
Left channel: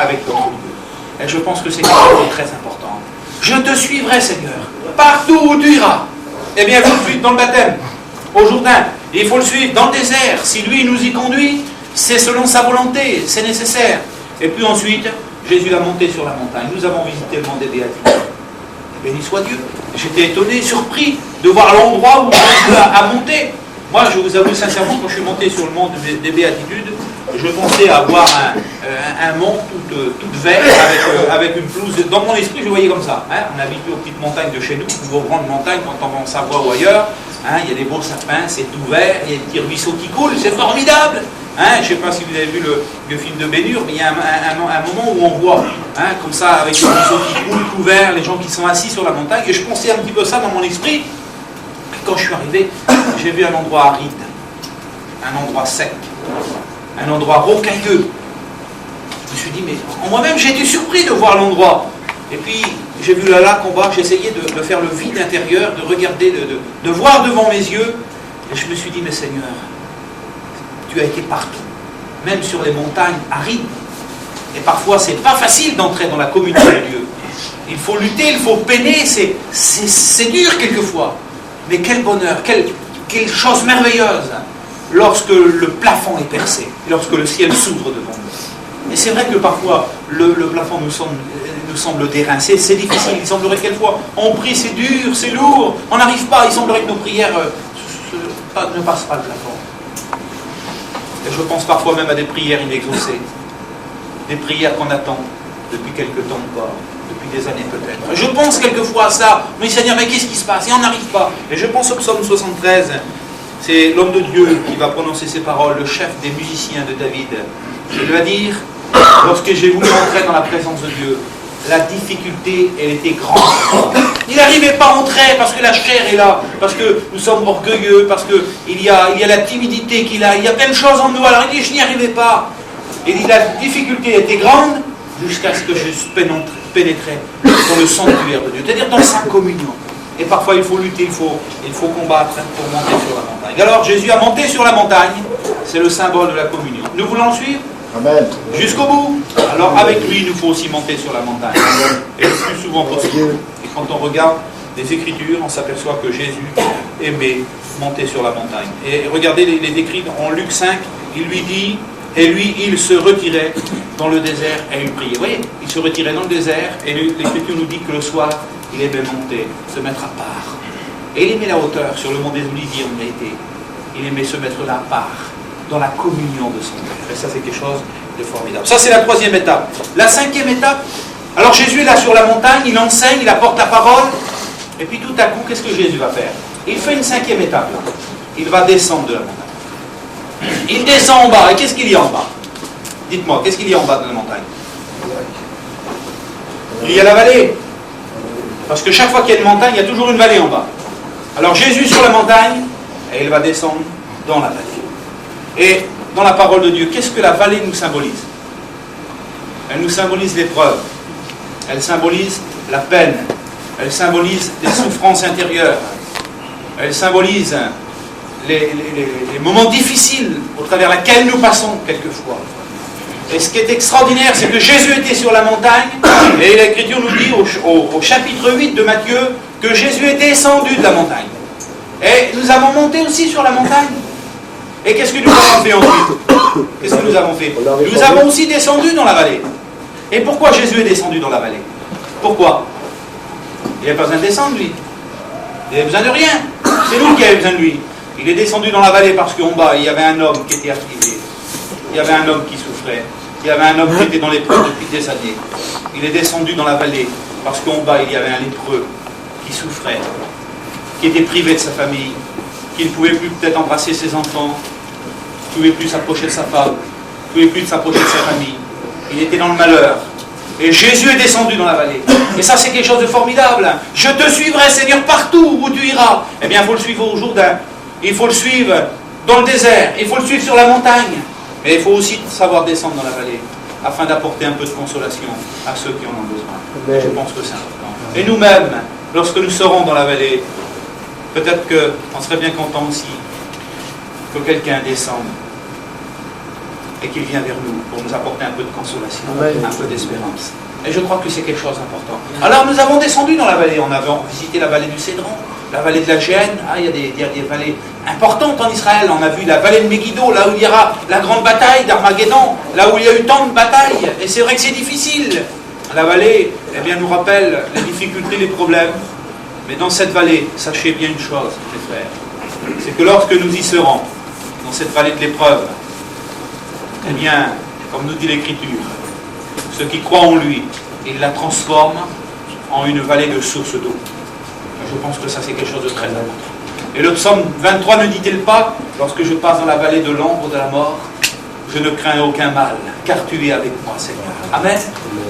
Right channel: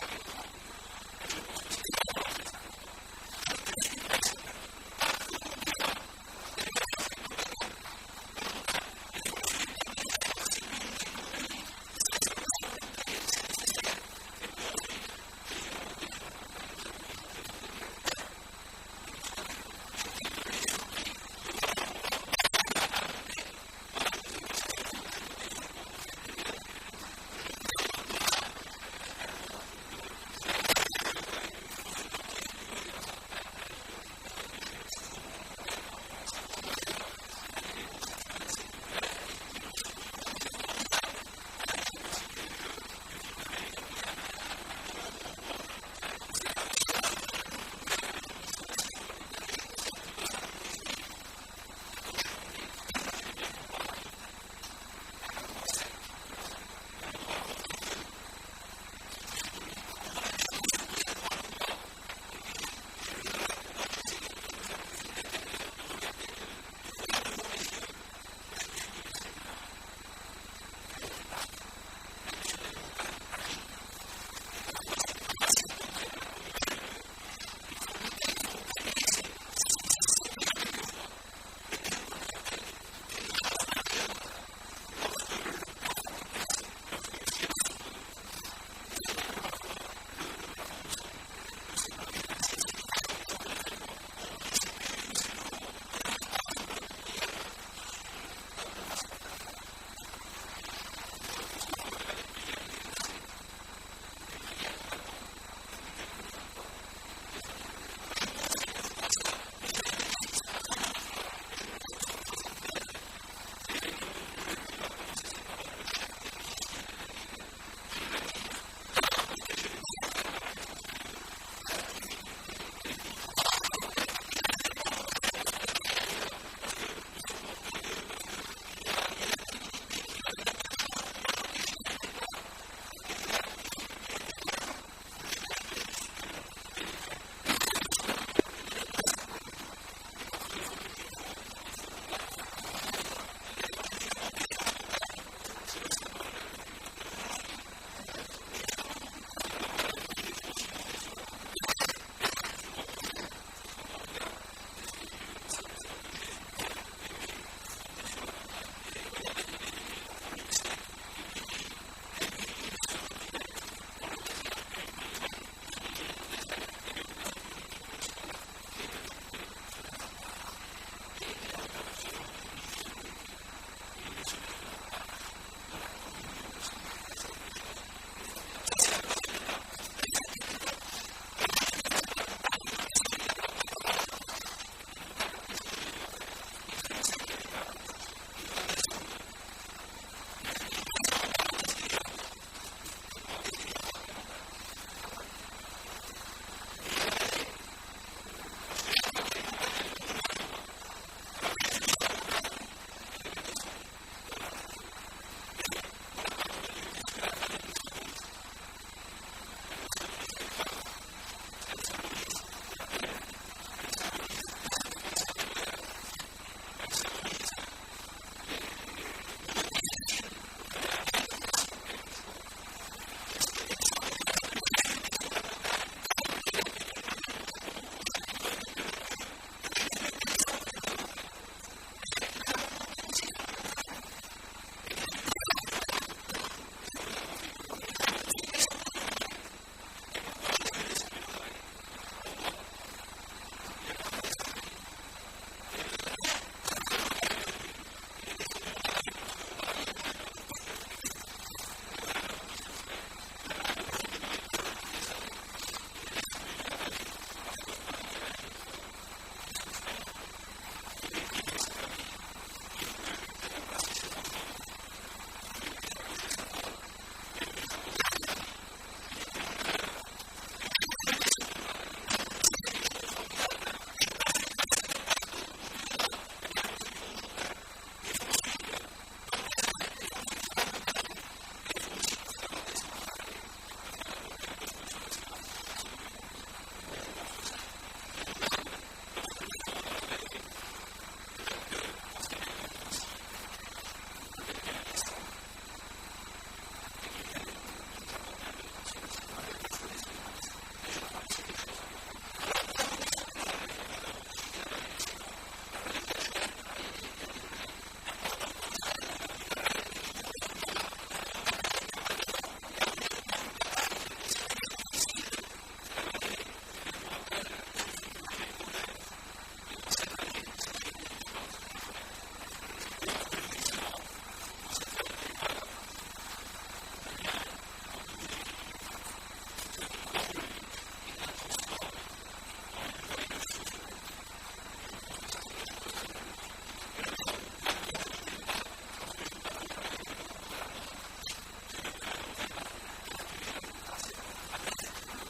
avec notre Dieu. Et je pense que c'est quelque chose de très important. Je te suivrai, Seigneur, partout où tu iras. Eh bien, vous le suivez dans le baptême, au Jourdain. Et il faut le suivre dans le désert. Si lui nous y conduit, c'est selon sa volonté, c'est nécessaire. Et puis ensuite, Jésus l'a monté sur la montagne. Nous avons visité le mont des Béatitudes. Béni soit Dieu. J'étais étonné, surpris de voir l'endroit où Jésus a monté. Moi, je vous avoue sincèrement, quand je suis monté sur le mont des Béatitudes, je pensais avoir un mont tout vert avec une pelouse. Dans mon esprit, je voyais comme ça. Hein. On habite aux petites montagnes de chez nous, aux grandes montagnes, quand on va en Savoie ou ailleurs. Hein, il y a des beaux sapins, c'est tout vert, il y a des petits ruisseaux qui coulent, c'est formidable. Hein, je ne sais pas si vous avez vu le film de Bénur, mais il y a un moment où on voit, hein, comme ça, avec les ruisseaux qui coulent, tout vert, les gens qui sont assis sur la montagne, et je pensais un petit peu ça dans mon esprit. Et quand je suis arrivé, j'ai vu un endroit aride, un endroit sec, un endroit rocailleux. Je me suis dit, mais en moi-même, j'ai été surpris de voir l'endroit. Et puis, j'ai vu le lac en bas, j'ai essayé de faire le vide intérieur, de regarder, de voir devant mes yeux. Et je me suis dit, mais Seigneur, tu as été partout, même sur les montagnes arides. Et parfois, c'est pas facile d'entrer dans la communion de Dieu. Il faut lutter, il faut peiner, c'est dur quelquefois. Mais quel bonheur, quelle chose merveilleuse, lorsque le plafond est percé, lorsque le ciel s'ouvre devant nous. Et c'est vrai que parfois, le plafond nous semble dérincé, c'est difficile. Il semblerait que quelquefois, on prie, c'est dur, c'est lourd, on n'arrive pas. Il semblerait que nos prières ne passent pas le plafond. Et je pense parfois même à des prières inexaucées, des prières qu'on attend depuis quelque temps encore, depuis des années peut-être. Je pense quelquefois à ça. Mais Seigneur, mais qu'est-ce qui se passe? Et on n'arrive pas. Et je pense au psaume 73. C'est l'homme de Dieu qui va prononcer ces paroles, le chef des musiciens de David. Il va dire, lorsque j'ai voulu entrer dans la présence de Dieu, la difficulté, elle était grande. Il n'arrivait pas à entrer parce que la chair est là, parce que nous sommes orgueilleux, parce qu'il y a la timidité qu'il a, il y a plein de choses en nous. Alors il dit, je n'y arrivais pas. Il dit, la difficulté était grande jusqu'à ce que je pénétrais dans le sanctuaire de Dieu, c'est-à-dire dans sa communion. Et parfois il faut lutter, il faut combattre pour monter sur la montagne. Alors Jésus a monté sur la montagne, c'est le symbole de la communion. Nous voulons le suivre Amen. Jusqu'au bout. Alors avec lui, il nous faut aussi monter sur la montagne. Et le plus souvent possible. Et quand on regarde les Écritures, on s'aperçoit que Jésus aimait monter sur la montagne. Et regardez les décrits en Luc 5, il lui dit, et lui, il se retirait dans le désert et il priait. Vous voyez, il se retirait dans le désert et l'Écriture nous dit que le soir, il aimait monter, se mettre à part. Et il aimait la hauteur. Sur le mont des Oliviers, on a été. il aimait se mettre là à part, dans la communion de son Père. Et ça, c'est quelque chose de formidable. Ça, c'est la troisième étape. La cinquième étape, alors Jésus est là sur la montagne, il enseigne, il apporte la parole, et puis tout à coup, qu'est-ce que Jésus va faire? Il fait une cinquième étape, là. Il va descendre de la montagne. Il descend en bas, et qu'est-ce qu'il y a en bas? Dites-moi, qu'est-ce qu'il y a en bas de la montagne? Il y a la vallée. Parce que chaque fois qu'il y a une montagne, il y a toujours une vallée en bas. Alors Jésus sur la montagne, et il va descendre dans la vallée. Et dans la parole de Dieu, qu'est-ce que la vallée nous symbolise? Elle nous symbolise l'épreuve. Elle symbolise la peine. Elle symbolise les souffrances intérieures. Elle symbolise les moments difficiles au travers lesquels nous passons quelquefois. Et ce qui est extraordinaire, c'est que Jésus était sur la montagne, et l'Écriture nous dit au chapitre 8 de Matthieu que Jésus est descendu de la montagne. Et nous avons monté aussi sur la montagne. Et qu'est-ce que nous avons fait ensuite? Qu'est-ce que nous avons fait? Nous avons aussi descendu dans la vallée. Et pourquoi Jésus est descendu dans la vallée? Pourquoi? Il n'avait pas besoin de descendre, lui. Il n'avait besoin de rien. C'est nous qui avions besoin de lui. Il est descendu dans la vallée parce qu'en bas, il y avait un homme qui était affligé. Il y avait un homme qui souffrait. Il y avait un homme qui était dans l'épreuve depuis des années. Il est descendu dans la vallée parce qu'en bas, il y avait un lépreux qui souffrait, qui était privé de sa famille, qui ne pouvait plus peut-être embrasser ses enfants, qui ne pouvait plus s'approcher de sa femme, qui ne pouvait plus s'approcher de sa famille. Il était dans le malheur. Et Jésus est descendu dans la vallée. Et ça, c'est quelque chose de formidable. Je te suivrai, Seigneur, partout où tu iras. Eh bien, il faut le suivre au Jourdain. Il faut le suivre dans le désert. Il faut le suivre sur la montagne. Mais il faut aussi savoir descendre dans la vallée afin d'apporter un peu de consolation à ceux qui en ont besoin. Je pense que c'est important. Et nous-mêmes, lorsque nous serons dans la vallée, peut-être qu'on serait bien content aussi que quelqu'un descende et qu'il vienne vers nous pour nous apporter un peu de consolation, un peu d'espérance. Et je crois que c'est quelque chose d'important. Alors nous avons descendu dans la vallée, on avait visité la vallée du Cédron, la vallée de la Géhenne. Il y a des vallées importantes en Israël. On a vu la vallée de Megiddo, là où il y aura la grande bataille d'Armageddon, là où il y a eu tant de batailles. Et c'est vrai que c'est difficile. La vallée, eh bien, nous rappelle les difficultés, les problèmes. Mais dans cette vallée, sachez bien une chose, mes frères, c'est que lorsque nous y serons, dans cette vallée de l'épreuve, eh bien, comme nous dit l'Écriture, ceux qui croient en lui, il la transforme en une vallée de sources d'eau. Je pense que ça, c'est quelque chose de très important. Et le psaume 23 ne dit-il pas, lorsque je passe dans la vallée de l'ombre de la mort, je ne crains aucun mal, car tu es avec moi, Seigneur. Amen.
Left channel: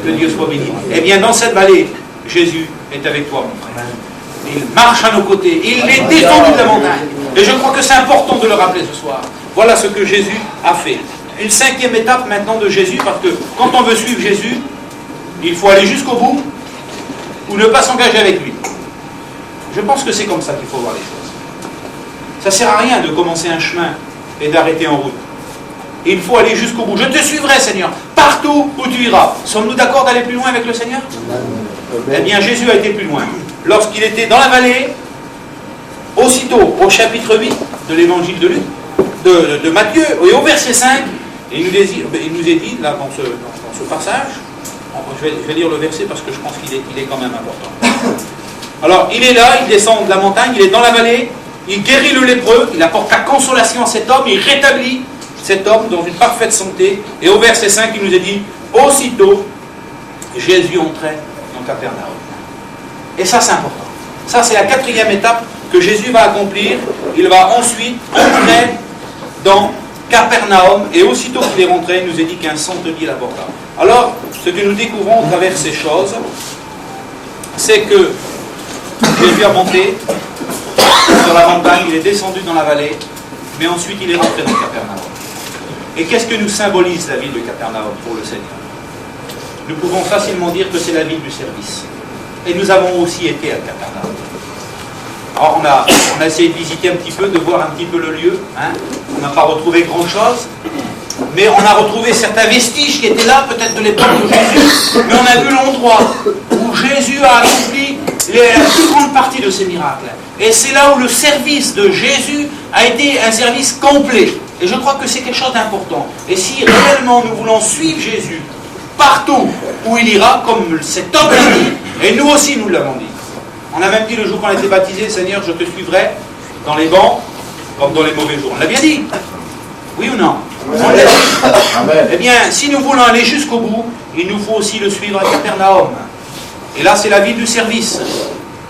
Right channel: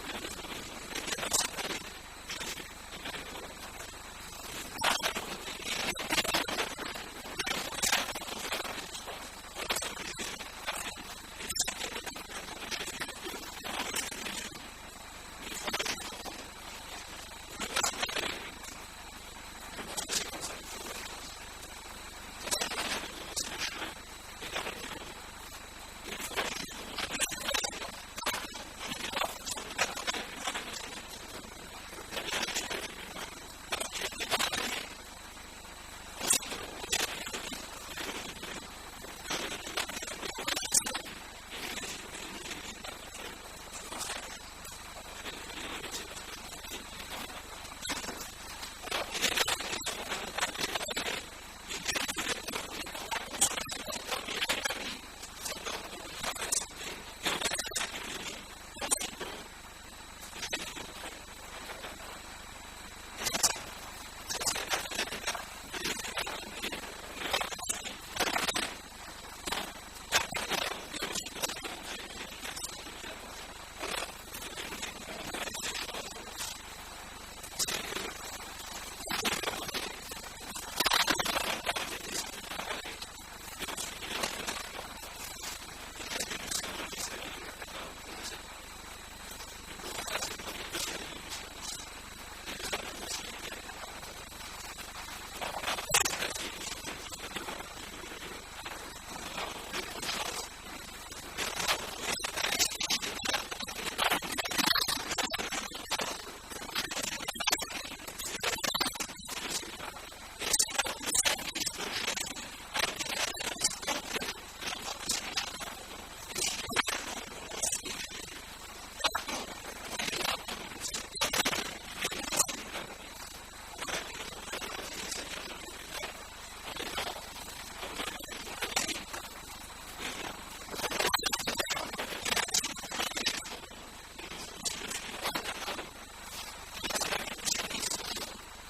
Que Dieu soit béni. Eh bien, dans cette vallée, Jésus est avec toi, mon frère. Il marche à nos côtés. Il est descendu de la montagne. Et je crois que c'est important de le rappeler ce soir. Voilà ce que Jésus a fait. Une cinquième étape maintenant de Jésus, parce que quand on veut suivre Jésus, il faut aller jusqu'au bout ou ne pas s'engager avec lui. Je pense que c'est comme ça qu'il faut voir les choses. Ça ne sert à rien de commencer un chemin et d'arrêter en route. Il faut aller jusqu'au bout. Je te suivrai, Seigneur, partout où tu iras. Sommes-nous d'accord d'aller plus loin avec le Seigneur? Eh bien, Jésus a été plus loin. Lorsqu'il était dans la vallée, aussitôt au chapitre 8 de l'évangile de Luc, de Matthieu, et au verset 5, il nous est dit, là, dans ce passage, je vais lire le verset parce que je pense qu'il est quand même important. Alors, il est là, il descend de la montagne, il est dans la vallée, il guérit le lépreux, il apporte la consolation à cet homme, il rétablit cet homme dans une parfaite santé, et au verset 5, il nous est dit, aussitôt, Jésus entrait dans Capernaum. Et ça, c'est important. Ça, c'est la quatrième étape que Jésus va accomplir. Il va ensuite entrer dans Capernaum, et aussitôt qu'il est rentré, il nous est dit qu'un centenier l'aborda. Alors, ce que nous découvrons au travers de ces choses, c'est que Jésus a monté sur la montagne, il est descendu dans la vallée, mais ensuite il est rentré dans Capernaum. Et qu'est-ce que nous symbolise la ville de Capernaum pour le Seigneur? Nous pouvons facilement dire que c'est la ville du service. Et nous avons aussi été à Capernaum. Alors on a essayé de visiter un petit peu, de voir un petit peu le lieu. Hein. On n'a pas retrouvé grand-chose, mais on a retrouvé certains vestiges qui étaient là, peut-être de l'époque de Jésus. Mais on a vu l'endroit où Jésus a accompli la plus grande partie de ses miracles. Et c'est là où le service de Jésus a été un service complet. Et je crois que c'est quelque chose d'important. Et si réellement nous voulons suivre Jésus partout où il ira, comme cet homme l'a dit, et nous aussi nous l'avons dit. On a même dit le jour qu'on a été baptisé, Seigneur, je te suivrai dans les bancs, comme dans les mauvais jours. On l'a bien dit. Oui ou non? On l'a dit. Eh bien, si nous voulons aller jusqu'au bout, il nous faut aussi le suivre à Capernaum. Et là, c'est la vie du service.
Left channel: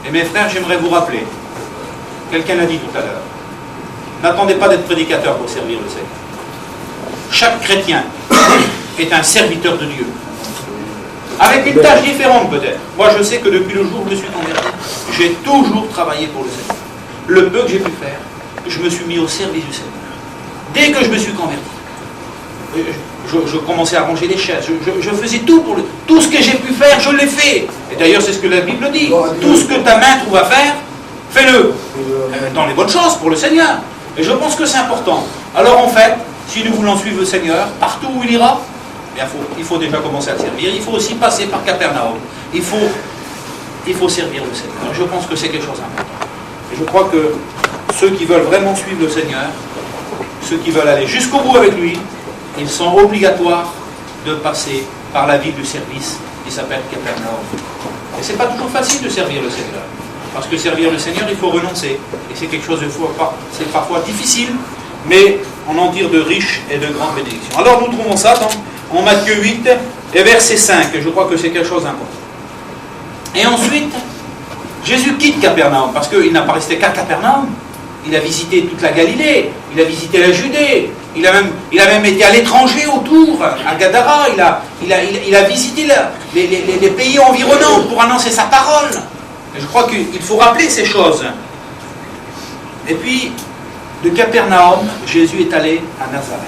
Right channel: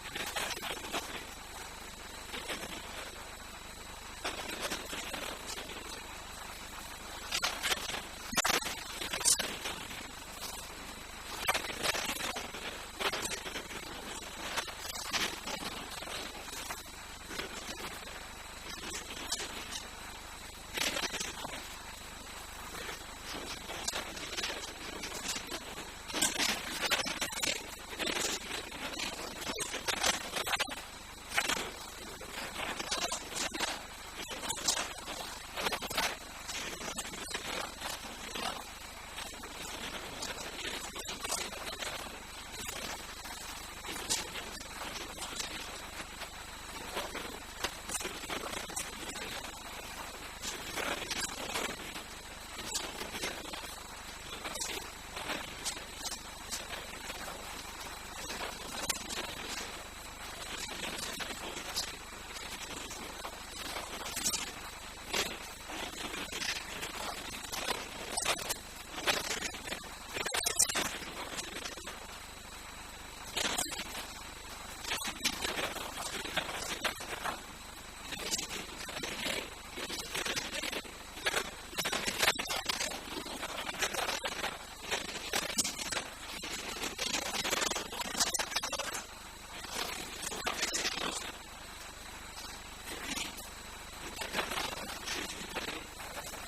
Et mes frères, j'aimerais vous rappeler, quelqu'un l'a dit tout à l'heure, n'attendez pas d'être prédicateur pour servir le Seigneur. Chaque chrétien est un serviteur de Dieu. Avec une tâche différente peut-être. Moi, je sais que depuis le jour où je me suis converti, j'ai toujours travaillé pour le Seigneur. Le peu que j'ai pu faire, je me suis mis au service du Seigneur. Dès que je me suis converti, je commençais à ranger les chaises, je faisais tout pour tout ce que j'ai pu faire, je l'ai fait. Et d'ailleurs, c'est ce que la Bible dit. Tout ce que ta main trouve à faire, fais-le. Dans les bonnes choses pour le Seigneur. Et je pense que c'est important. Alors en fait, si nous voulons suivre le Seigneur, partout où il ira, il faut déjà commencer à le servir. Il faut aussi passer par Capernaum. Il faut servir le Seigneur. Je pense que c'est quelque chose d'important. Et je crois que ceux qui veulent vraiment suivre le Seigneur, ceux qui veulent aller jusqu'au bout avec lui, ils sont obligatoires de passer par la vie du service qui s'appelle Capernaum. Et ce n'est pas toujours facile de servir le Seigneur. Parce que servir le Seigneur, il faut renoncer. Et c'est quelque chose de c'est parfois difficile, mais on en tire de riches et de grandes bénédictions. Alors nous trouvons ça en Matthieu 8 et verset 5. Et je crois que c'est quelque chose d'important. Et ensuite, Jésus quitte Capernaum, parce qu'il n'a pas resté qu'à Capernaum. Il a visité toute la Galilée, il a visité la Judée, il a même été à l'étranger autour, à Gadara, il a visité les pays environnants pour annoncer sa parole. Et je crois qu'il faut rappeler ces choses. Et puis, de Capernaum, Jésus est allé à Nazareth.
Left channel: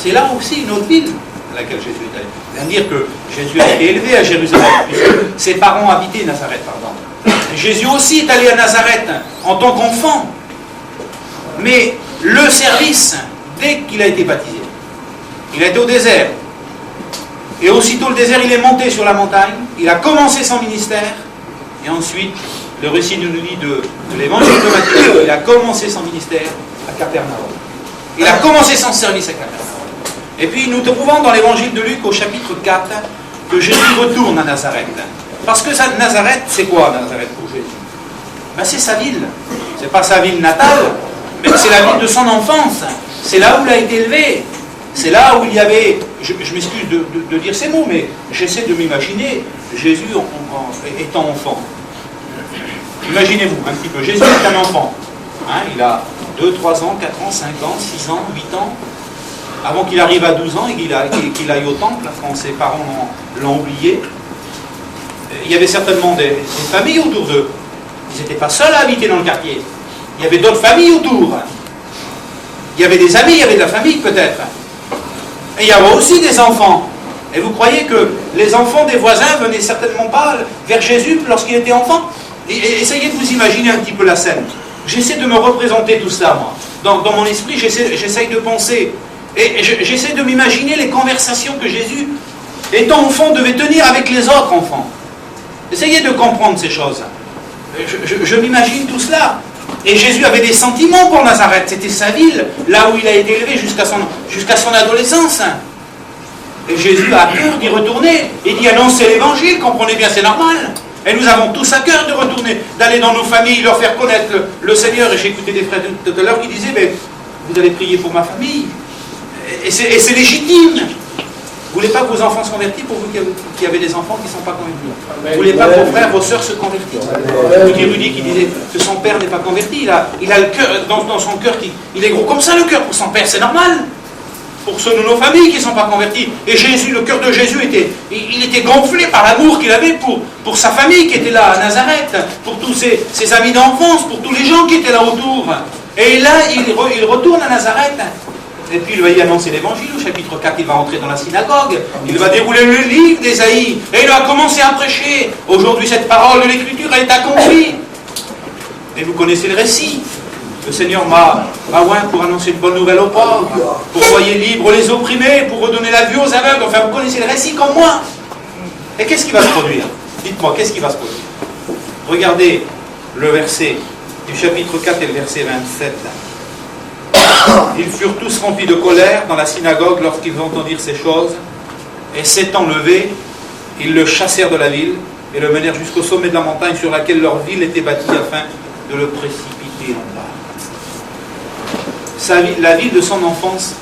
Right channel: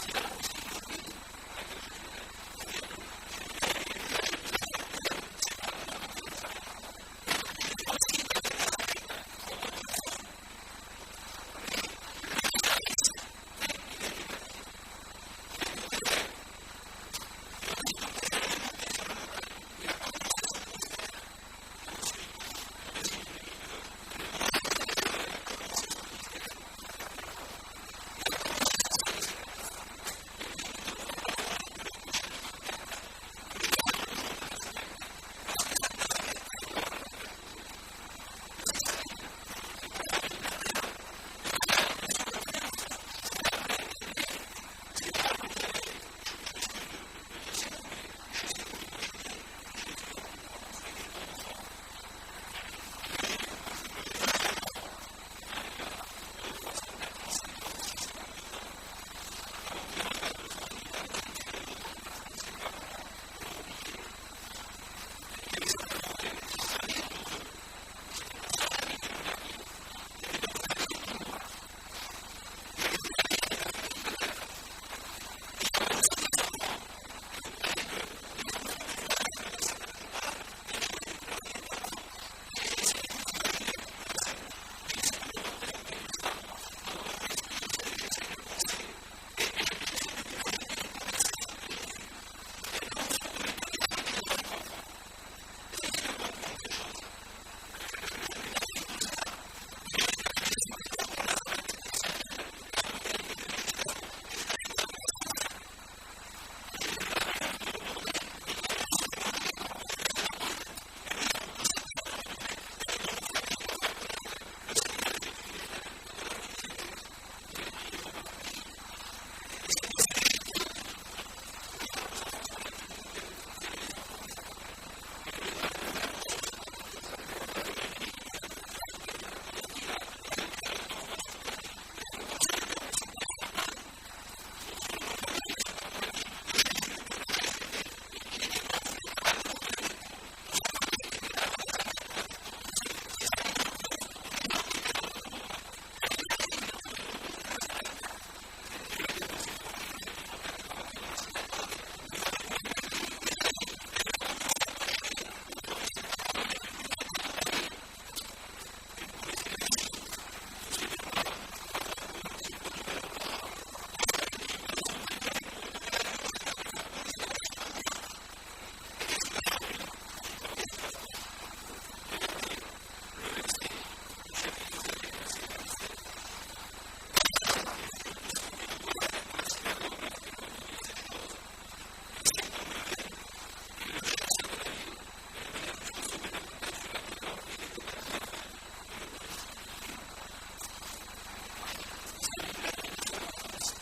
C'est là aussi une autre ville à laquelle Jésus est allé. C'est-à-dire que Jésus a été élevé à Jérusalem, puisque ses parents habitaient Nazareth, pardon. Jésus aussi est allé à Nazareth en tant qu'enfant. Mais le service, dès qu'il a été baptisé, il a été au désert. Et aussitôt le désert, il est monté sur la montagne, il a commencé son ministère, et ensuite, le récit nous dit de l'évangile de Matthieu, il a commencé son ministère à Capernaum. Il a commencé son service à Capernaum. Et puis nous trouvons dans l'évangile de Luc au chapitre 4 que Jésus retourne à Nazareth. Parce que Nazareth, c'est quoi Nazareth pour Jésus? Ben, c'est sa ville. C'est pas sa ville natale, mais c'est la ville de son enfance. C'est là où il a été élevé. C'est là où il y avait, je m'excuse de dire ces mots, mais j'essaie de m'imaginer Jésus étant enfant. Imaginez-vous un petit peu, Jésus est un enfant. Hein, il a 2, 3 ans, 4 ans, 5 ans, 6 ans, 8 ans. Avant qu'il arrive à 12 ans et qu'il aille au temple, quand ses parents l'ont oublié. Il y avait certainement des familles autour d'eux. Ils n'étaient pas seuls à habiter dans le quartier. Il y avait d'autres familles autour. Il y avait des amis, il y avait de la famille peut-être. Et il y avait aussi des enfants. Et vous croyez que les enfants des voisins venaient certainement pas vers Jésus lorsqu'il était enfant? Et essayez de vous imaginer un petit peu la scène. J'essaie de me représenter tout cela, moi. Dans mon esprit, j'essaie de penser. Et j'essaie de m'imaginer les conversations que Jésus, étant enfant, devait tenir avec les autres enfants. Essayez de comprendre ces choses. Je m'imagine tout cela. Et Jésus avait des sentiments pour Nazareth. C'était sa ville, là où il a été élevé jusqu'à son adolescence. Et Jésus a à cœur d'y retourner et d'y annoncer l'évangile. Comprenez bien, c'est normal. Et nous avons tous à cœur de retourner, d'aller dans nos familles, leur faire connaître le Seigneur. Et j'ai écouté des frères tout à l'heure qui disaient, mais vous allez prier pour ma famille. Et c'est légitime. Vous ne voulez pas que vos enfants se convertissent, pour vous qui avez des enfants qui ne sont pas convertis. Vous ne voulez pas que vos frères, vos sœurs se convertissent. Écoutez Rudy qui disait que son père n'est pas converti. Il a le cœur, dans son cœur, il est gros comme ça le cœur pour son père, c'est normal. Pour ceux de nos familles qui ne sont pas convertis. Et Jésus, le cœur de Jésus était gonflé par l'amour qu'il avait pour sa famille qui était là à Nazareth, pour tous ses amis d'enfance, pour tous les gens qui étaient là autour. Et là, il retourne à Nazareth. Et puis il va y annoncer l'évangile, au chapitre 4, il va entrer dans la synagogue, il va dérouler le livre d'Ésaïe, et il va commencer à prêcher. Aujourd'hui, cette parole de l'Écriture, elle est accomplie. Et vous connaissez le récit. Le Seigneur m'a oint pour annoncer une bonne nouvelle aux pauvres, pour envoyer libres les opprimés, pour redonner la vue aux aveugles. Enfin, vous connaissez le récit comme moi. Et qu'est-ce qui va se produire? Dites-moi, qu'est-ce qui va se produire? Regardez le verset du chapitre 4 et le verset 27. Ils furent tous remplis de colère dans la synagogue lorsqu'ils entendirent ces choses, et s'étant levés, ils le chassèrent de la ville et le menèrent jusqu'au sommet de la montagne sur laquelle leur ville était bâtie afin de le précipiter en bas. la ville de son enfance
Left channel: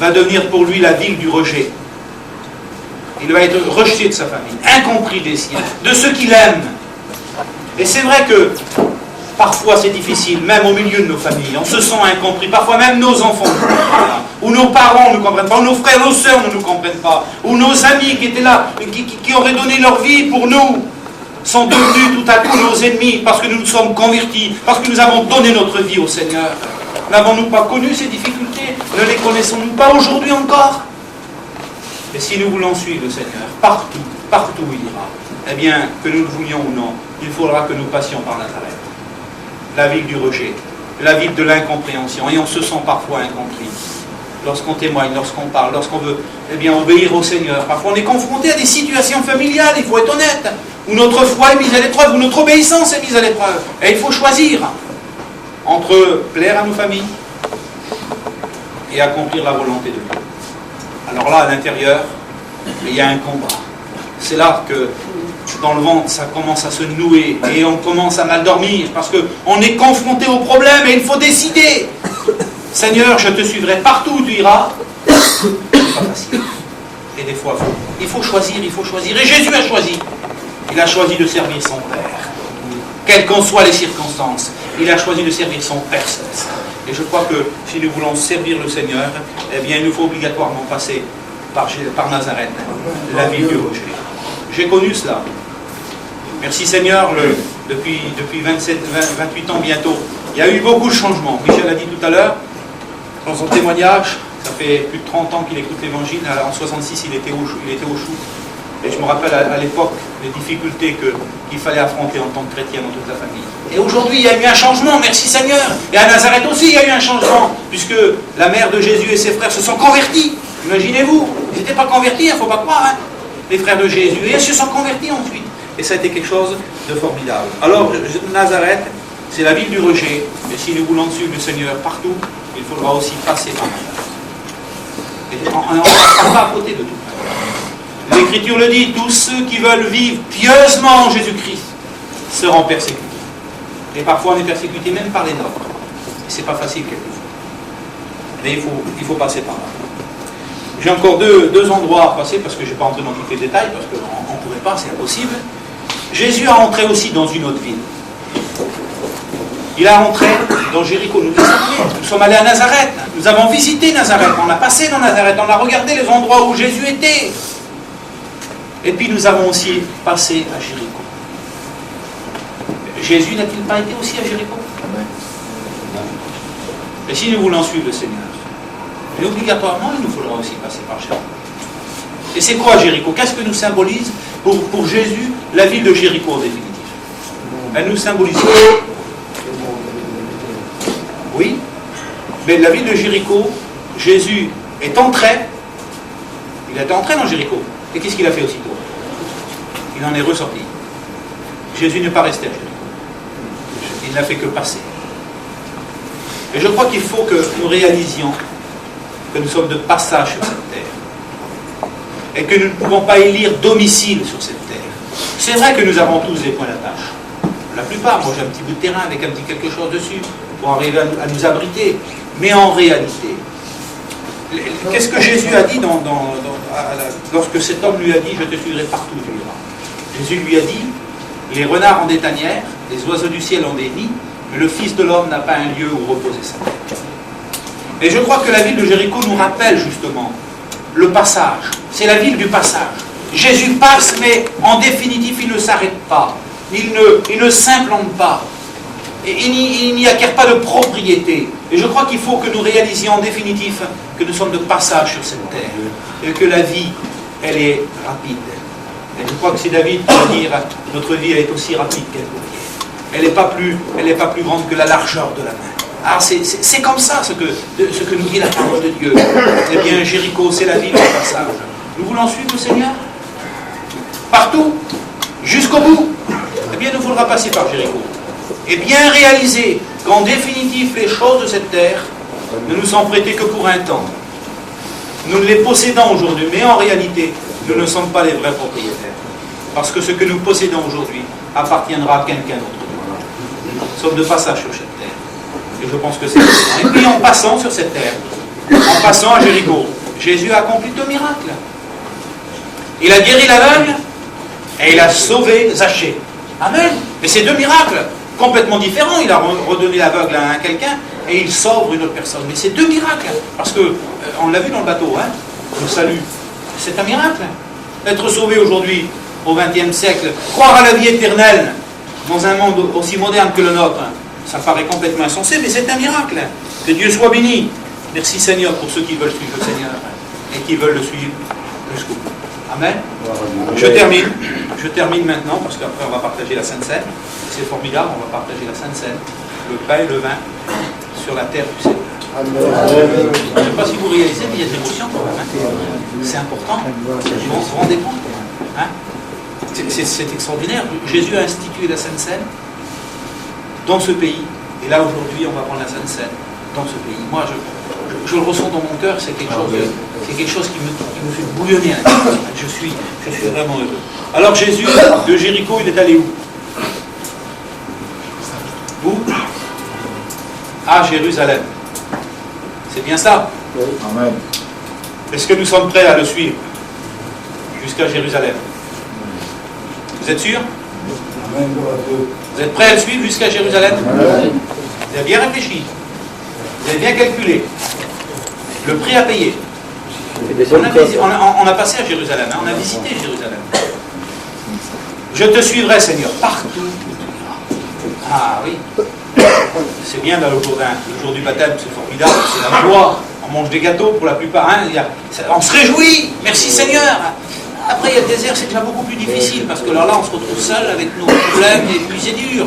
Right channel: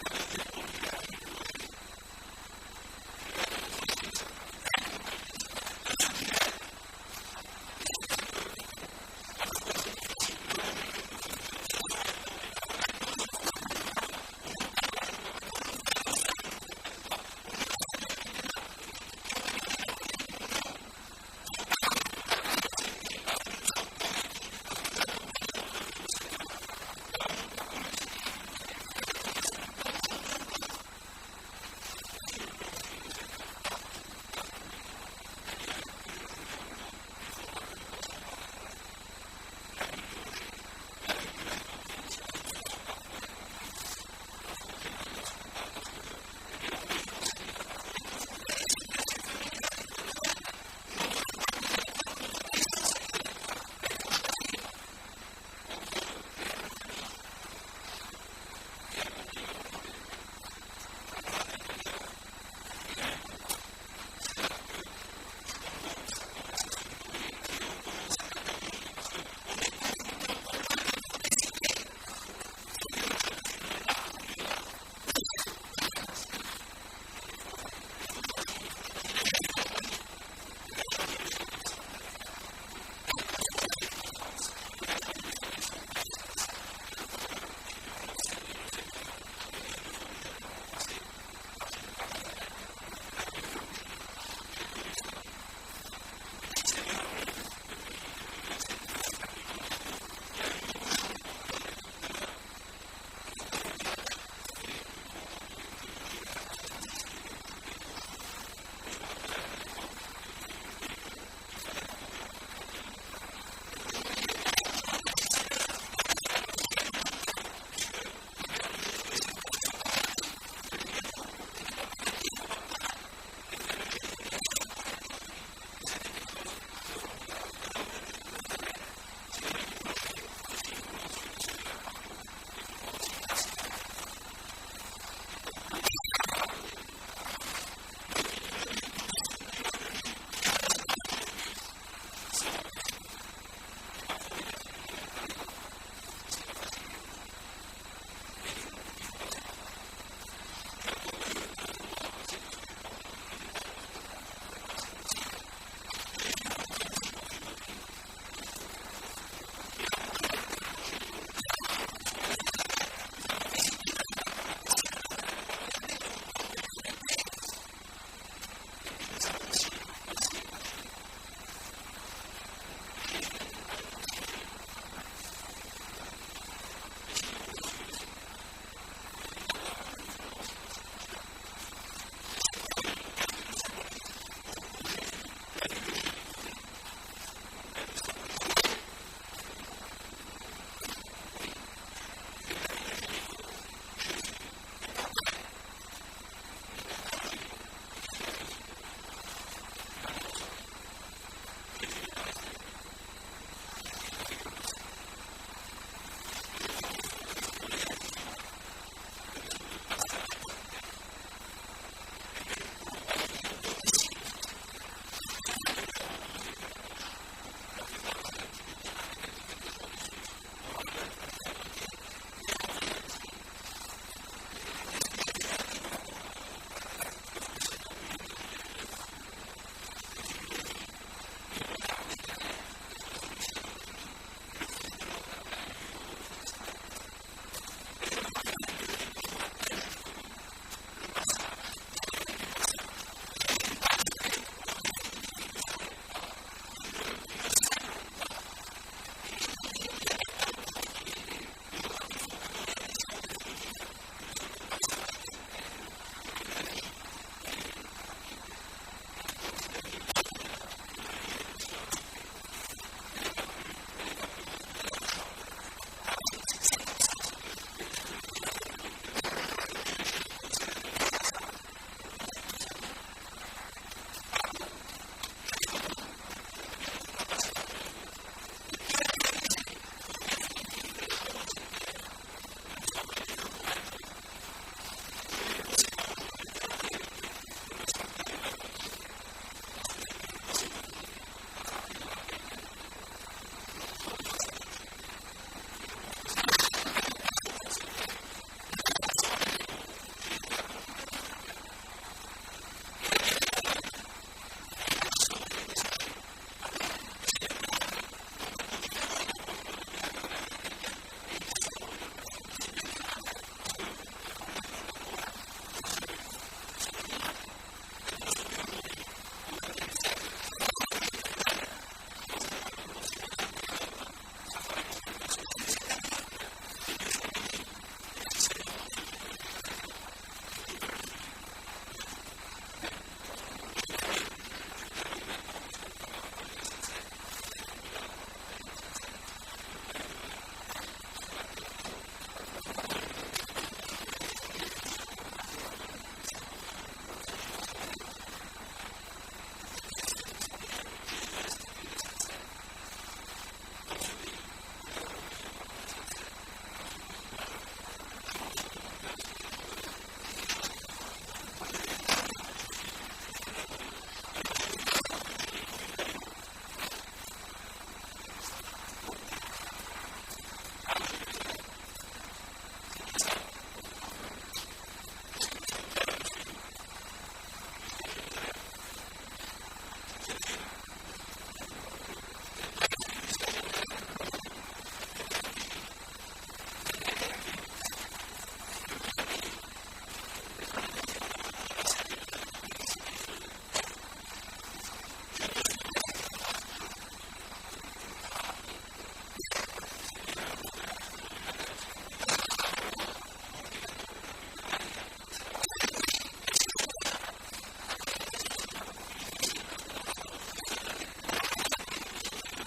va devenir pour lui la ville du rejet. Il va être rejeté de sa famille, incompris des siens, de ceux qu'il aime. Et c'est vrai que parfois c'est difficile, même au milieu de nos familles, on se sent incompris, parfois même nos enfants ne comprennent pas, ou nos parents ne nous comprennent pas, ou nos frères, nos sœurs ne nous comprennent pas, ou nos amis qui étaient là, qui auraient donné leur vie pour nous, sont devenus tout à coup nos ennemis parce que nous nous sommes convertis, parce que nous avons donné notre vie au Seigneur. N'avons-nous pas connu ces difficultés? Ne les connaissons-nous pas aujourd'hui encore? Et si nous voulons suivre le Seigneur, partout où il ira, eh bien, que nous le voulions ou non, il faudra que nous passions par Nazareth. La ville du rejet, la ville de l'incompréhension, et on se sent parfois incompris. Lorsqu'on témoigne, lorsqu'on parle, lorsqu'on veut obéir au Seigneur. Parfois on est confronté à des situations familiales, il faut être honnête, où notre foi est mise à l'épreuve, où notre obéissance est mise à l'épreuve. Et il faut choisir entre plaire à nos familles et accomplir la volonté de Dieu. Alors là, à l'intérieur, il y a un combat. C'est là que dans le ventre, ça commence à se nouer et on commence à mal dormir parce qu'on est confronté au problème et il faut décider. Seigneur, je te suivrai partout où tu iras. C'est pas facile. Et des fois, il faut choisir. Et Jésus a choisi. Il a choisi de servir son Père. Quelles qu'en soient les circonstances, il a choisi de servir son Père céleste. Et je crois que si nous voulons servir le Seigneur, eh bien, il nous faut obligatoirement passer par Nazareth, la ville du rejet. J'ai connu cela. Merci Seigneur, depuis 28 ans bientôt, il y a eu beaucoup de changements. Michel a dit tout à l'heure, dans son témoignage, ça fait plus de 30 ans qu'il écoute l'Évangile. En 66, il était au Chou. Et je me rappelle à l'époque les difficultés qu'il fallait affronter en tant que chrétien dans toute la famille. Et aujourd'hui, il y a eu un changement, merci Seigneur. Et à Nazareth aussi, il y a eu un changement, puisque la mère de Jésus et ses frères se sont convertis. Imaginez-vous, ils n'étaient pas convertis, il ne faut pas croire, hein, les frères de Jésus. Et ils se sont convertis ensuite. Et ça a été quelque chose de formidable. Alors, Nazareth, c'est la ville du rejet. Et si nous voulons suivre le Seigneur partout, il faudra aussi passer par Nazareth. Et on ne passe pas à côté de tout. L'Écriture le dit, tous ceux qui veulent vivre pieusement en Jésus-Christ seront persécutés. Et parfois on est persécuté même par les nôtres. Et c'est pas facile quelquefois. Mais il faut passer par là. J'ai encore deux endroits à passer parce que je ne vais pas entrer dans tous les détails, parce qu'on ne pourrait pas, c'est impossible. Jésus a entré aussi dans une autre ville. Il a entré dans Jéricho. Nous sommes allés à Nazareth. Nous avons visité Nazareth. On a passé dans Nazareth. On a regardé les endroits où Jésus était. Et puis nous avons aussi passé à Jéricho. Jésus n'a-t-il pas été aussi à Jéricho? Et si nous voulons suivre le Seigneur, et obligatoirement, il nous faudra aussi passer par Jéricho. Et c'est quoi Jéricho? Qu'est-ce que nous symbolise pour Jésus la ville de Jéricho en définitive? Elle nous symbolise quoi? Oui, mais la ville de Jéricho, Jésus est entré, il est entré dans Jéricho. Et qu'est-ce qu'il a fait aussitôt? Il en est ressorti. Jésus n'est pas resté à Jéricho. Il n'a fait que passer. Et je crois qu'il faut que nous réalisions que nous sommes de passage sur cette terre. Et que nous ne pouvons pas élire domicile sur cette terre. C'est vrai que nous avons tous des points d'attache. La plupart, moi j'ai un petit bout de terrain avec un petit quelque chose dessus pour arriver à nous abriter. Mais en réalité, qu'est-ce que Jésus a dit lorsque cet homme lui a dit « Je te suivrai partout où tu iras ». Jésus lui a dit « Les renards ont des tanières, les oiseaux du ciel ont des nids, mais le Fils de l'homme n'a pas un lieu où reposer sa tête. » Et je crois que la ville de Jéricho nous rappelle justement le passage. C'est la ville du passage. Jésus passe, mais en définitive, il ne s'arrête pas. Il ne s'implante pas. Et il n'y acquiert pas de propriété. Et je crois qu'il faut que nous réalisions en définitive que nous sommes de passage sur cette terre. Et que la vie, elle est rapide. Et je crois que c'est David qui va dire notre vie elle est aussi rapide qu'elle convient. Elle n'est pas plus grande que la largeur de la main. Alors c'est comme ça ce que nous dit la parole de Dieu. Eh bien, Jéricho, c'est la ville du passage. Nous voulons suivre le Seigneur partout, jusqu'au bout. Eh bien, il nous faudra passer par Jéricho. Et bien réaliser qu'en définitive, les choses de cette terre ne nous sont prêtées que pour un temps. Nous ne les possédons aujourd'hui, mais en réalité, nous ne sommes pas les vrais propriétaires. Parce que ce que nous possédons aujourd'hui appartiendra à quelqu'un d'autre. Nous sommes de passage sur cette terre. Et je pense que c'est important. Et puis en passant sur cette terre, en passant à Jéricho, Jésus a accompli 2 miracles. Il a guéri l'aveugle et il a sauvé Zachée. Amen. Mais c'est 2 miracles complètement différents. Il a redonné l'aveugle à quelqu'un et il sauve une autre personne. Mais c'est 2 miracles. Parce que, on l'a vu dans le bateau, hein, le salut, c'est un miracle. Être sauvé aujourd'hui, au XXe siècle, croire à la vie éternelle dans un monde aussi moderne que le nôtre, ça paraît complètement insensé, mais c'est un miracle. Que Dieu soit béni. Merci Seigneur pour ceux qui veulent suivre le Seigneur et qui veulent le suivre jusqu'au bout. Amen. Je termine maintenant, parce qu'après on va partager la Sainte Seine. C'est formidable, on va partager la Sainte Seine, le pain et le vin sur la terre du Seigneur. Je ne sais pas si vous réalisez, mais il y a des émotions quand même. Hein. C'est important. On se rendez compte. Hein. C'est extraordinaire. Jésus a institué la Sainte Seine dans ce pays. Et là, aujourd'hui, on va prendre la Sainte Seine dans ce pays. Moi, je le ressens dans mon cœur, c'est quelque chose qui me fait bouillonner. Je suis vraiment heureux. Alors, Jésus, de Jéricho, il est allé où? Où? À Jérusalem. C'est bien ça? Amen. Est-ce que nous sommes prêts à le suivre jusqu'à Jérusalem? Vous êtes sûr? Vous êtes prêts à le suivre jusqu'à Jérusalem? Vous avez bien réfléchi. Vous avez bien calculé. Le prix à payer. On a passé à Jérusalem, hein, on a visité Jérusalem. Je te suivrai, Seigneur, partout où tu iras. Ah oui. C'est bien là le jour du baptême, c'est formidable, c'est la joie. On mange des gâteaux pour la plupart. Hein, on se réjouit, merci Seigneur. Après, il y a le désert, c'est déjà beaucoup plus difficile, parce que là, on se retrouve seul avec nos problèmes, et puis c'est dur.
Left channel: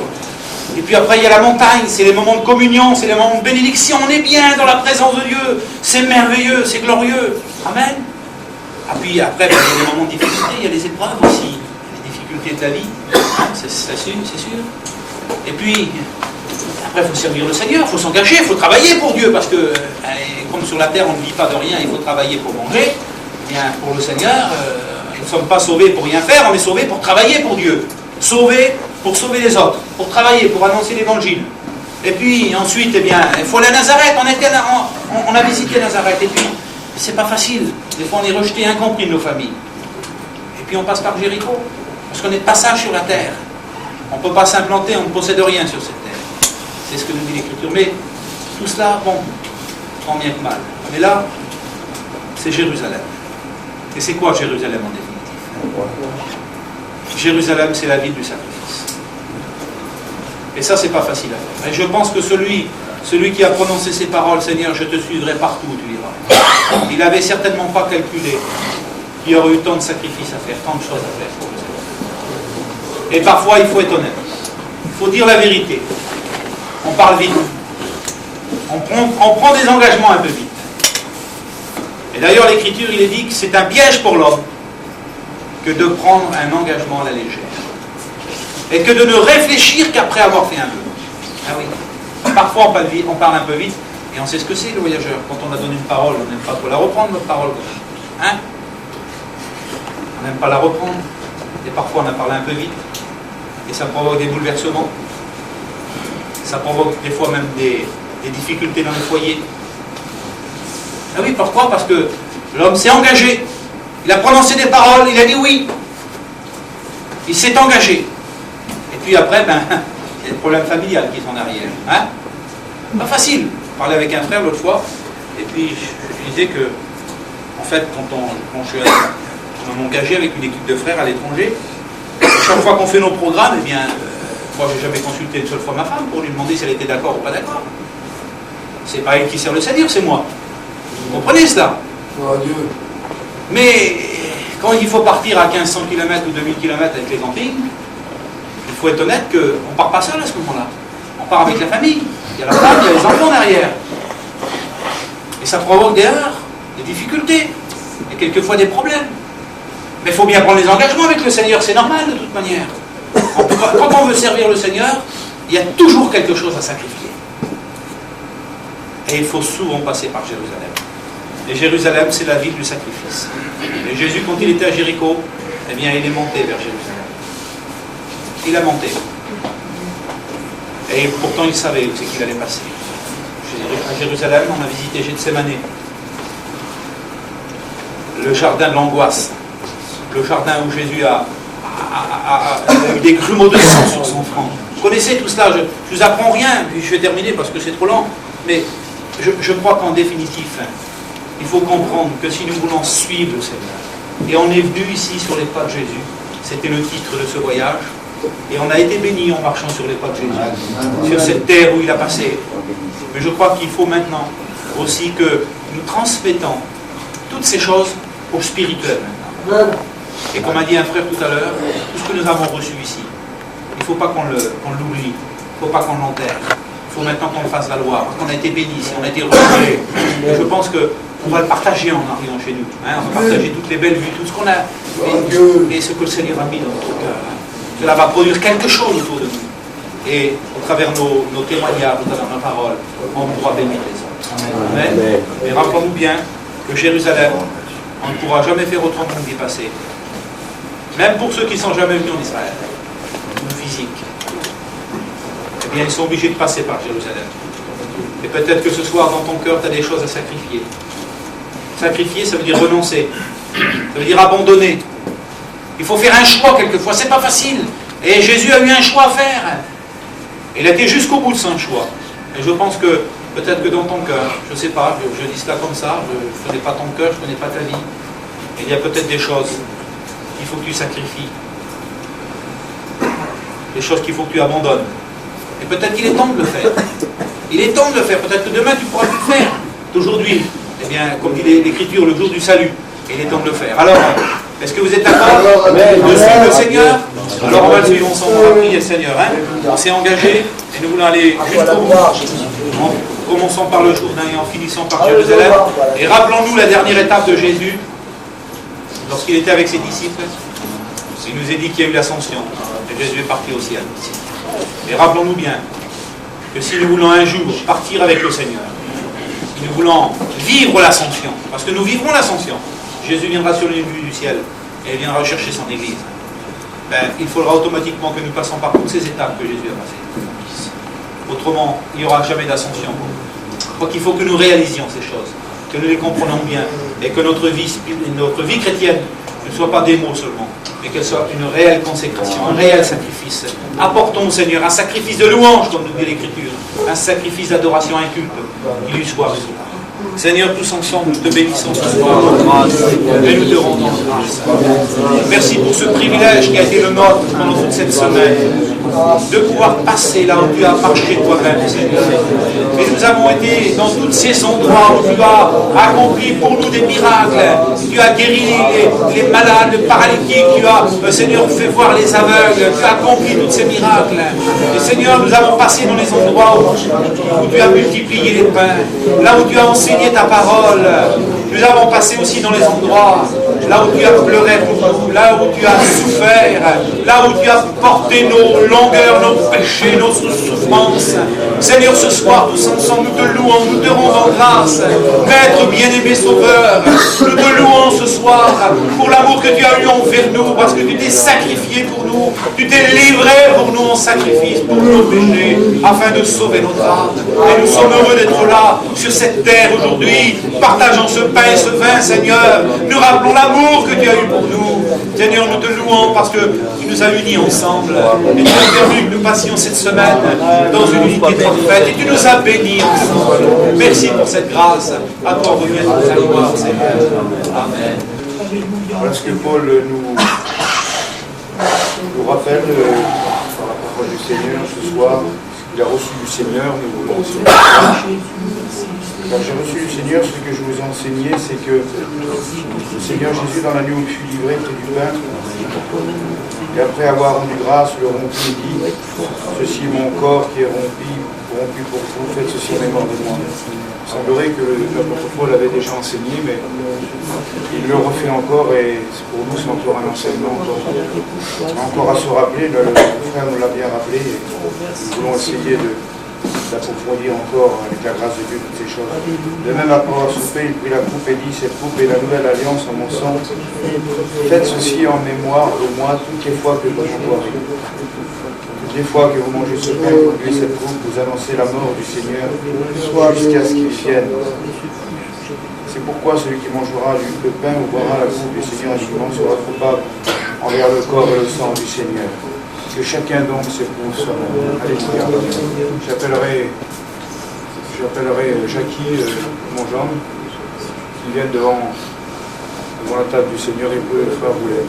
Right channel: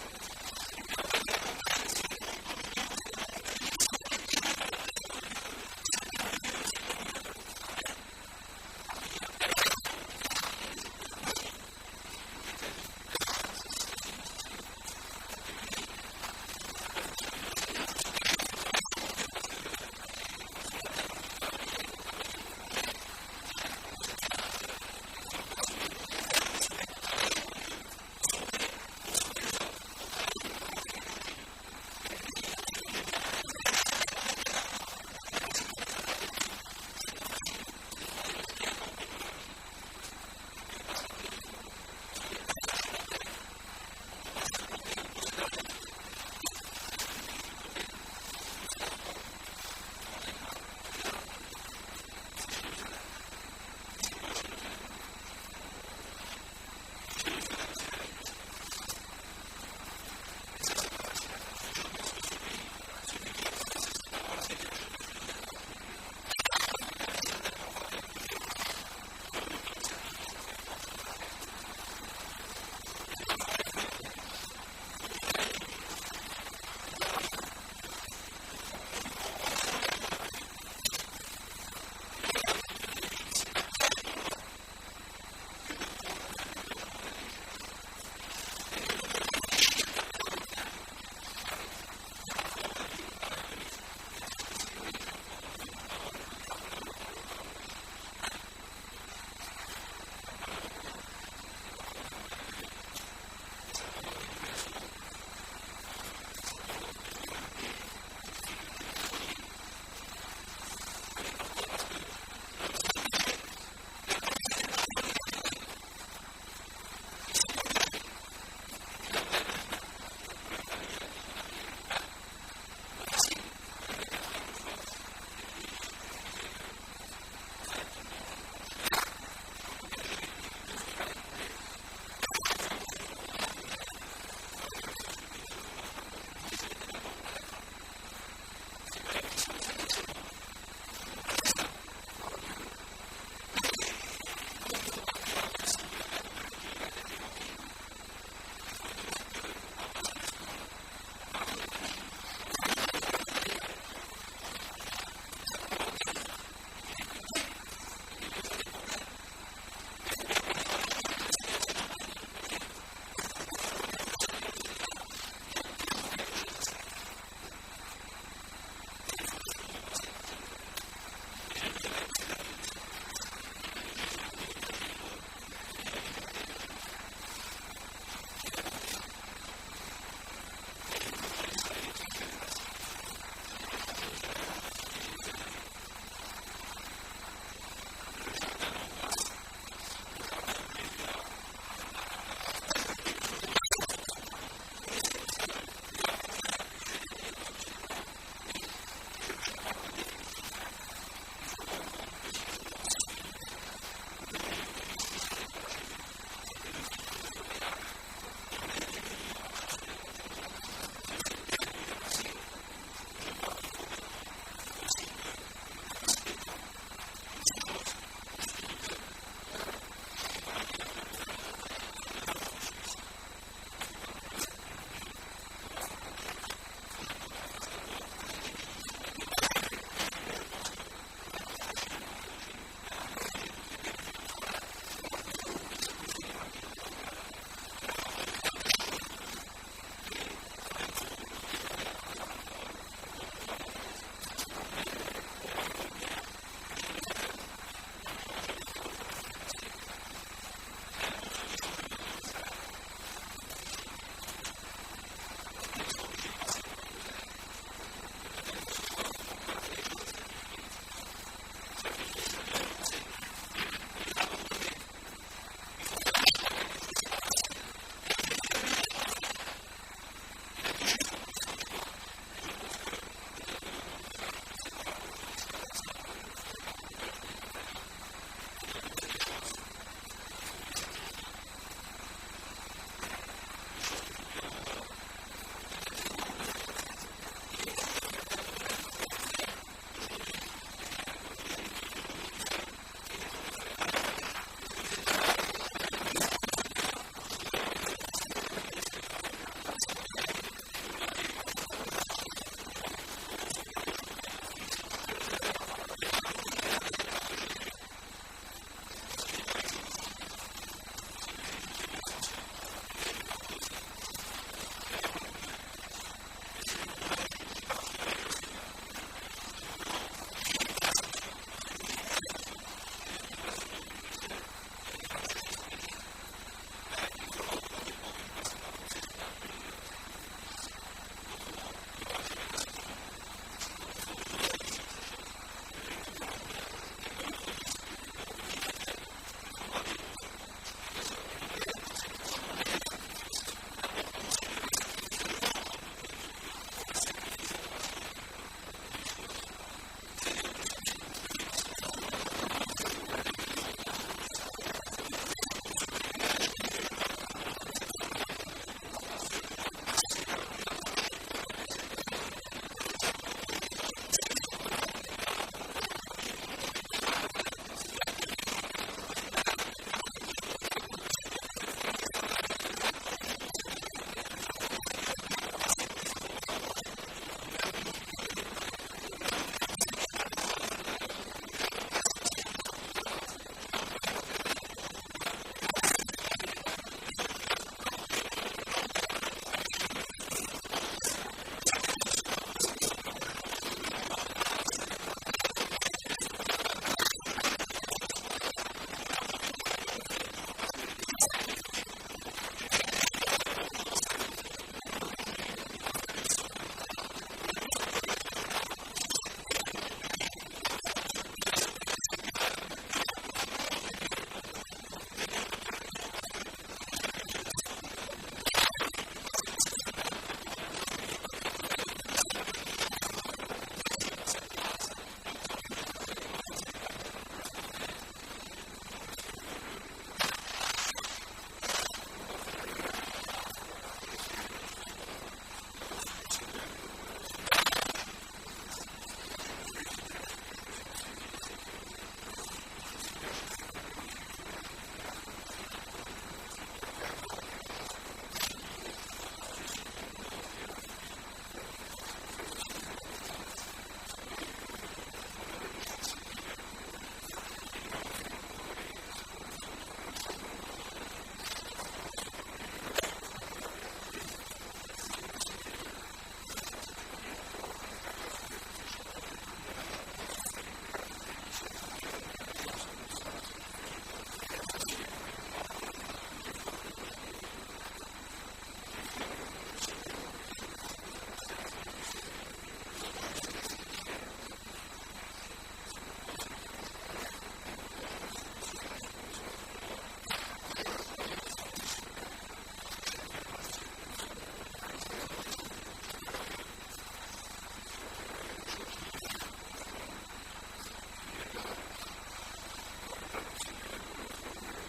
Et puis après, il y a la montagne, c'est les moments de communion, c'est les moments de bénédiction, on est bien dans la présence de Dieu, c'est merveilleux, c'est glorieux. Amen. Et puis après, il y a des moments de difficulté, il y a les épreuves aussi, les difficultés de la vie, hein, c'est sûr. Et puis, après, il faut servir le Seigneur, il faut s'engager, il faut travailler pour Dieu, parce que, comme sur la terre, on ne vit pas de rien, il faut travailler pour manger. Eh bien, pour le Seigneur, nous ne sommes pas sauvés pour rien faire, on est sauvés pour travailler pour Dieu. Sauvés pour sauver les autres, pour travailler, pour annoncer l'évangile. Et puis ensuite, eh bien, il faut aller à Nazareth. On a visité Nazareth. Et puis, c'est pas facile. Des fois, on est rejeté, incompris de nos familles. Et puis, on passe par Jéricho. Parce qu'on est de passage sur la terre. On ne peut pas s'implanter, on ne possède rien sur cette terre. C'est ce que nous dit l'Écriture. Mais tout cela, bon, tant bien que mal. Mais là, c'est Jérusalem. Et c'est quoi Jérusalem en définitive? Jérusalem, c'est la ville du sacrifice. Et ça, c'est pas facile à faire. Et je pense que celui qui a prononcé ces paroles, Seigneur, je te suivrai partout où tu iras, il n'avait certainement pas calculé qu'il y aurait eu tant de sacrifices à faire, tant de choses à faire pour le Seigneur. Et parfois, il faut être honnête. Il faut dire la vérité. On parle vite. On prend des engagements un peu vite. Et d'ailleurs, l'Écriture, il est dit que c'est un piège pour l'homme que de prendre un engagement à la légère. Et que de ne réfléchir qu'après avoir fait un vœu. Ah oui. Parfois, on parle un peu vite, et on sait ce que c'est, le voyageur. Quand on a donné une parole, on n'aime pas trop la reprendre, notre parole. Hein? On n'aime pas la reprendre. Et parfois, on a parlé un peu vite. Et ça provoque des bouleversements. Ça provoque des fois même des difficultés dans les foyers. Ah oui, pourquoi? Parce que l'homme s'est engagé. Il a prononcé des paroles, il a dit oui. Il s'est engagé. Et puis après, il y a des problèmes familiales qui sont en arrière. Hein? Pas facile. Je parlais avec un frère l'autre fois, et puis je disais que, en fait, quand on est engagé avec une équipe de frères à l'étranger, chaque fois qu'on fait nos programmes, eh bien, moi j'ai jamais consulté une seule fois ma femme pour lui demander si elle était d'accord ou pas d'accord. C'est pas elle qui sert le Seigneur, c'est moi. Vous comprenez cela? Oh, Dieu. Mais quand il faut partir à 1500 km ou 2000 km avec les campings, il faut être honnête qu'on ne part pas seul à ce moment-là. On part avec la famille. Il y a la femme, il y a les enfants derrière. Et ça provoque des erreurs, des difficultés, et quelquefois des problèmes. Mais il faut bien prendre les engagements avec le Seigneur, c'est normal de toute manière. Quand on veut servir le Seigneur, il y a toujours quelque chose à sacrifier. Et il faut souvent passer par Jérusalem. Et Jérusalem, c'est la ville du sacrifice. Et Jésus, quand il était à Jéricho, eh bien, il est monté vers Jérusalem. Il a monté. Et pourtant, il savait où c'est qu'il allait passer. à Jérusalem, on a visité Gethsémane, le jardin de l'angoisse, le jardin où Jésus a eu des grumeaux de sang sur son front. Vous connaissez tout cela, je ne vous apprends rien, puis je vais terminer parce que c'est trop lent, mais je crois qu'en définitif, il faut comprendre que si nous voulons suivre le Seigneur, et on est venu ici sur les pas de Jésus, c'était le titre de ce voyage, et on a été bénis en marchant sur les pas de Jésus, sur cette terre où il a passé. Mais je crois qu'il faut maintenant aussi que nous transmettons toutes ces choses au spirituel maintenant. Et comme a dit un frère tout à l'heure, tout ce que nous avons reçu ici, il ne faut pas qu'on l'oublie, il ne faut pas qu'on l'enterre. Il faut maintenant qu'on le fasse valoir, parce qu'on a été bénis, on a été reçus. Et je pense qu'on va le partager en arrivant chez nous. Hein, on va partager toutes les belles vues, tout ce qu'on a, et ce que le Seigneur a mis dans notre cœur. Cela va produire quelque chose autour de nous. Et au travers nos témoignages, au travers nos paroles, on pourra bénir les autres. Amen. Mais rappelons-nous bien que Jérusalem, on ne pourra jamais faire autrement que d'y passer. Même pour ceux qui ne sont jamais venus en Israël, ou physique, eh bien ils sont obligés de passer par Jérusalem. Et peut-être que ce soir, dans ton cœur, tu as des choses à sacrifier. Sacrifier, ça veut dire renoncer. Ça veut dire abandonner. Il faut faire un choix quelquefois, c'est pas facile. Et Jésus a eu un choix à faire. Il a été jusqu'au bout de son choix. Et je pense que, peut-être que dans ton cœur, je ne sais pas, je dis cela comme ça, je ne connais pas ton cœur, je ne connais pas ta vie. Et il y a peut-être des choses qu'il faut que tu sacrifies. Des choses qu'il faut que tu abandonnes. Et peut-être qu'il est temps de le faire. Il est temps de le faire. Peut-être que demain tu ne pourras plus le faire. Aujourd'hui, eh bien, comme dit l'Écriture, le jour du salut, il est temps de le faire. Alors, est-ce que vous êtes d'accord de suivre le Seigneur? Alors on va le suivre ensemble, on va prier le Seigneur. Hein? On s'est engagé et nous voulons aller jusqu'au bout. En commençant par le Jourdain et en finissant par Jérusalem. Et rappelons-nous la dernière étape de Jésus, lorsqu'il était avec ses disciples. Il nous a dit qu'il y a eu l'ascension et Jésus est parti au ciel. Et rappelons-nous bien que si nous voulons un jour partir avec le Seigneur, si nous voulons vivre l'ascension, parce que nous vivrons l'ascension, Jésus viendra sur les nuées du ciel et il viendra chercher son Église. Ben, il faudra automatiquement que nous passions par toutes ces étapes que Jésus a passées. Autrement, il n'y aura jamais d'ascension. Donc il faut que nous réalisions ces choses, que nous les comprenons bien, et que notre vie chrétienne ne soit pas des mots seulement, mais qu'elle soit une réelle consécration, un réel sacrifice. Apportons au Seigneur un sacrifice de louange, comme nous dit l'Écriture, un sacrifice d'adoration inculte, qui lui soit reçu. Seigneur, tous ensemble, nous te bénissons ce soir et nous te rendons grâce. Merci pour ce privilège qui a été le nôtre pendant toute cette semaine, de pouvoir passer là où tu as marché toi-même, Seigneur. Et nous avons été dans tous ces endroits où tu as accompli pour nous des miracles. Tu as guéri les malades, les paralytiques, tu as, Seigneur, fait voir les aveugles, tu as accompli tous ces miracles. Et Seigneur, nous avons passé dans les endroits où tu as multiplié les pains, là où tu as enseigné ta parole. Nous avons passé aussi dans les endroits là où tu as pleuré pour nous, là où tu as souffert, là où tu as porté nos longueurs, nos péchés, nos souffrances. Seigneur, ce soir, tous ensemble, nous te louons, nous te rendons grâce. Maître bien-aimé Sauveur, nous te louons ce soir pour l'amour que tu as eu envers nous, parce que tu t'es sacrifié pour nous, tu t'es livré pour nous en sacrifice, pour nos péchés, afin de sauver notre âme. Et nous sommes heureux d'être là, sur cette terre aujourd'hui, partageant ce pain et ce vin, Seigneur. Nous rappelons l'amour que tu as eu pour nous. Seigneur, nous te louons parce que tu nous as unis ensemble. Et tu as permis que nous passions cette semaine dans une unité parfaite. Et tu nous as bénis ensemble. Merci pour cette grâce. À toi revient toute la gloire, Seigneur. Amen. Voilà ce que Paul nous rappelle par la parole du Seigneur ce soir. Il a reçu du Seigneur, nous voulons aussi. Quand j'ai reçu du Seigneur, ce que je vous ai enseigné, c'est que le Seigneur Jésus, dans la nuit où il fut livré, prit du pain, et après avoir rendu grâce, le rompit et dit, ceci est mon corps qui est rompu pour vous, faites ceci en mémoire de moi. Il semblerait que l'apôtre Paul avait déjà enseigné, mais il le refait encore, et pour nous c'est encore un enseignement encore à se rappeler. Le frère nous l'a bien rappelé, et nous voulons essayer d'approfondir encore avec la grâce de Dieu toutes ces choses. De même, après avoir soupé, il prit la coupe et dit, cette coupe est la nouvelle alliance en mon sang. Faites ceci en mémoire de moi toutes les fois que vous en boirez. Des fois que vous mangez ce pain et vous buvez cette coupe, vous annoncez la mort du Seigneur jusqu'à ce qu'il vienne. C'est pourquoi celui qui mangera le pain ou boira la coupe du Seigneur indûment sera coupable envers le corps et le sang du Seigneur. Que chacun donc s'éprouve soi-même. Alléluia. J'appellerai Jackie, mon Jean, qui viennent devant la table du Seigneur et vous, le frère Boulet.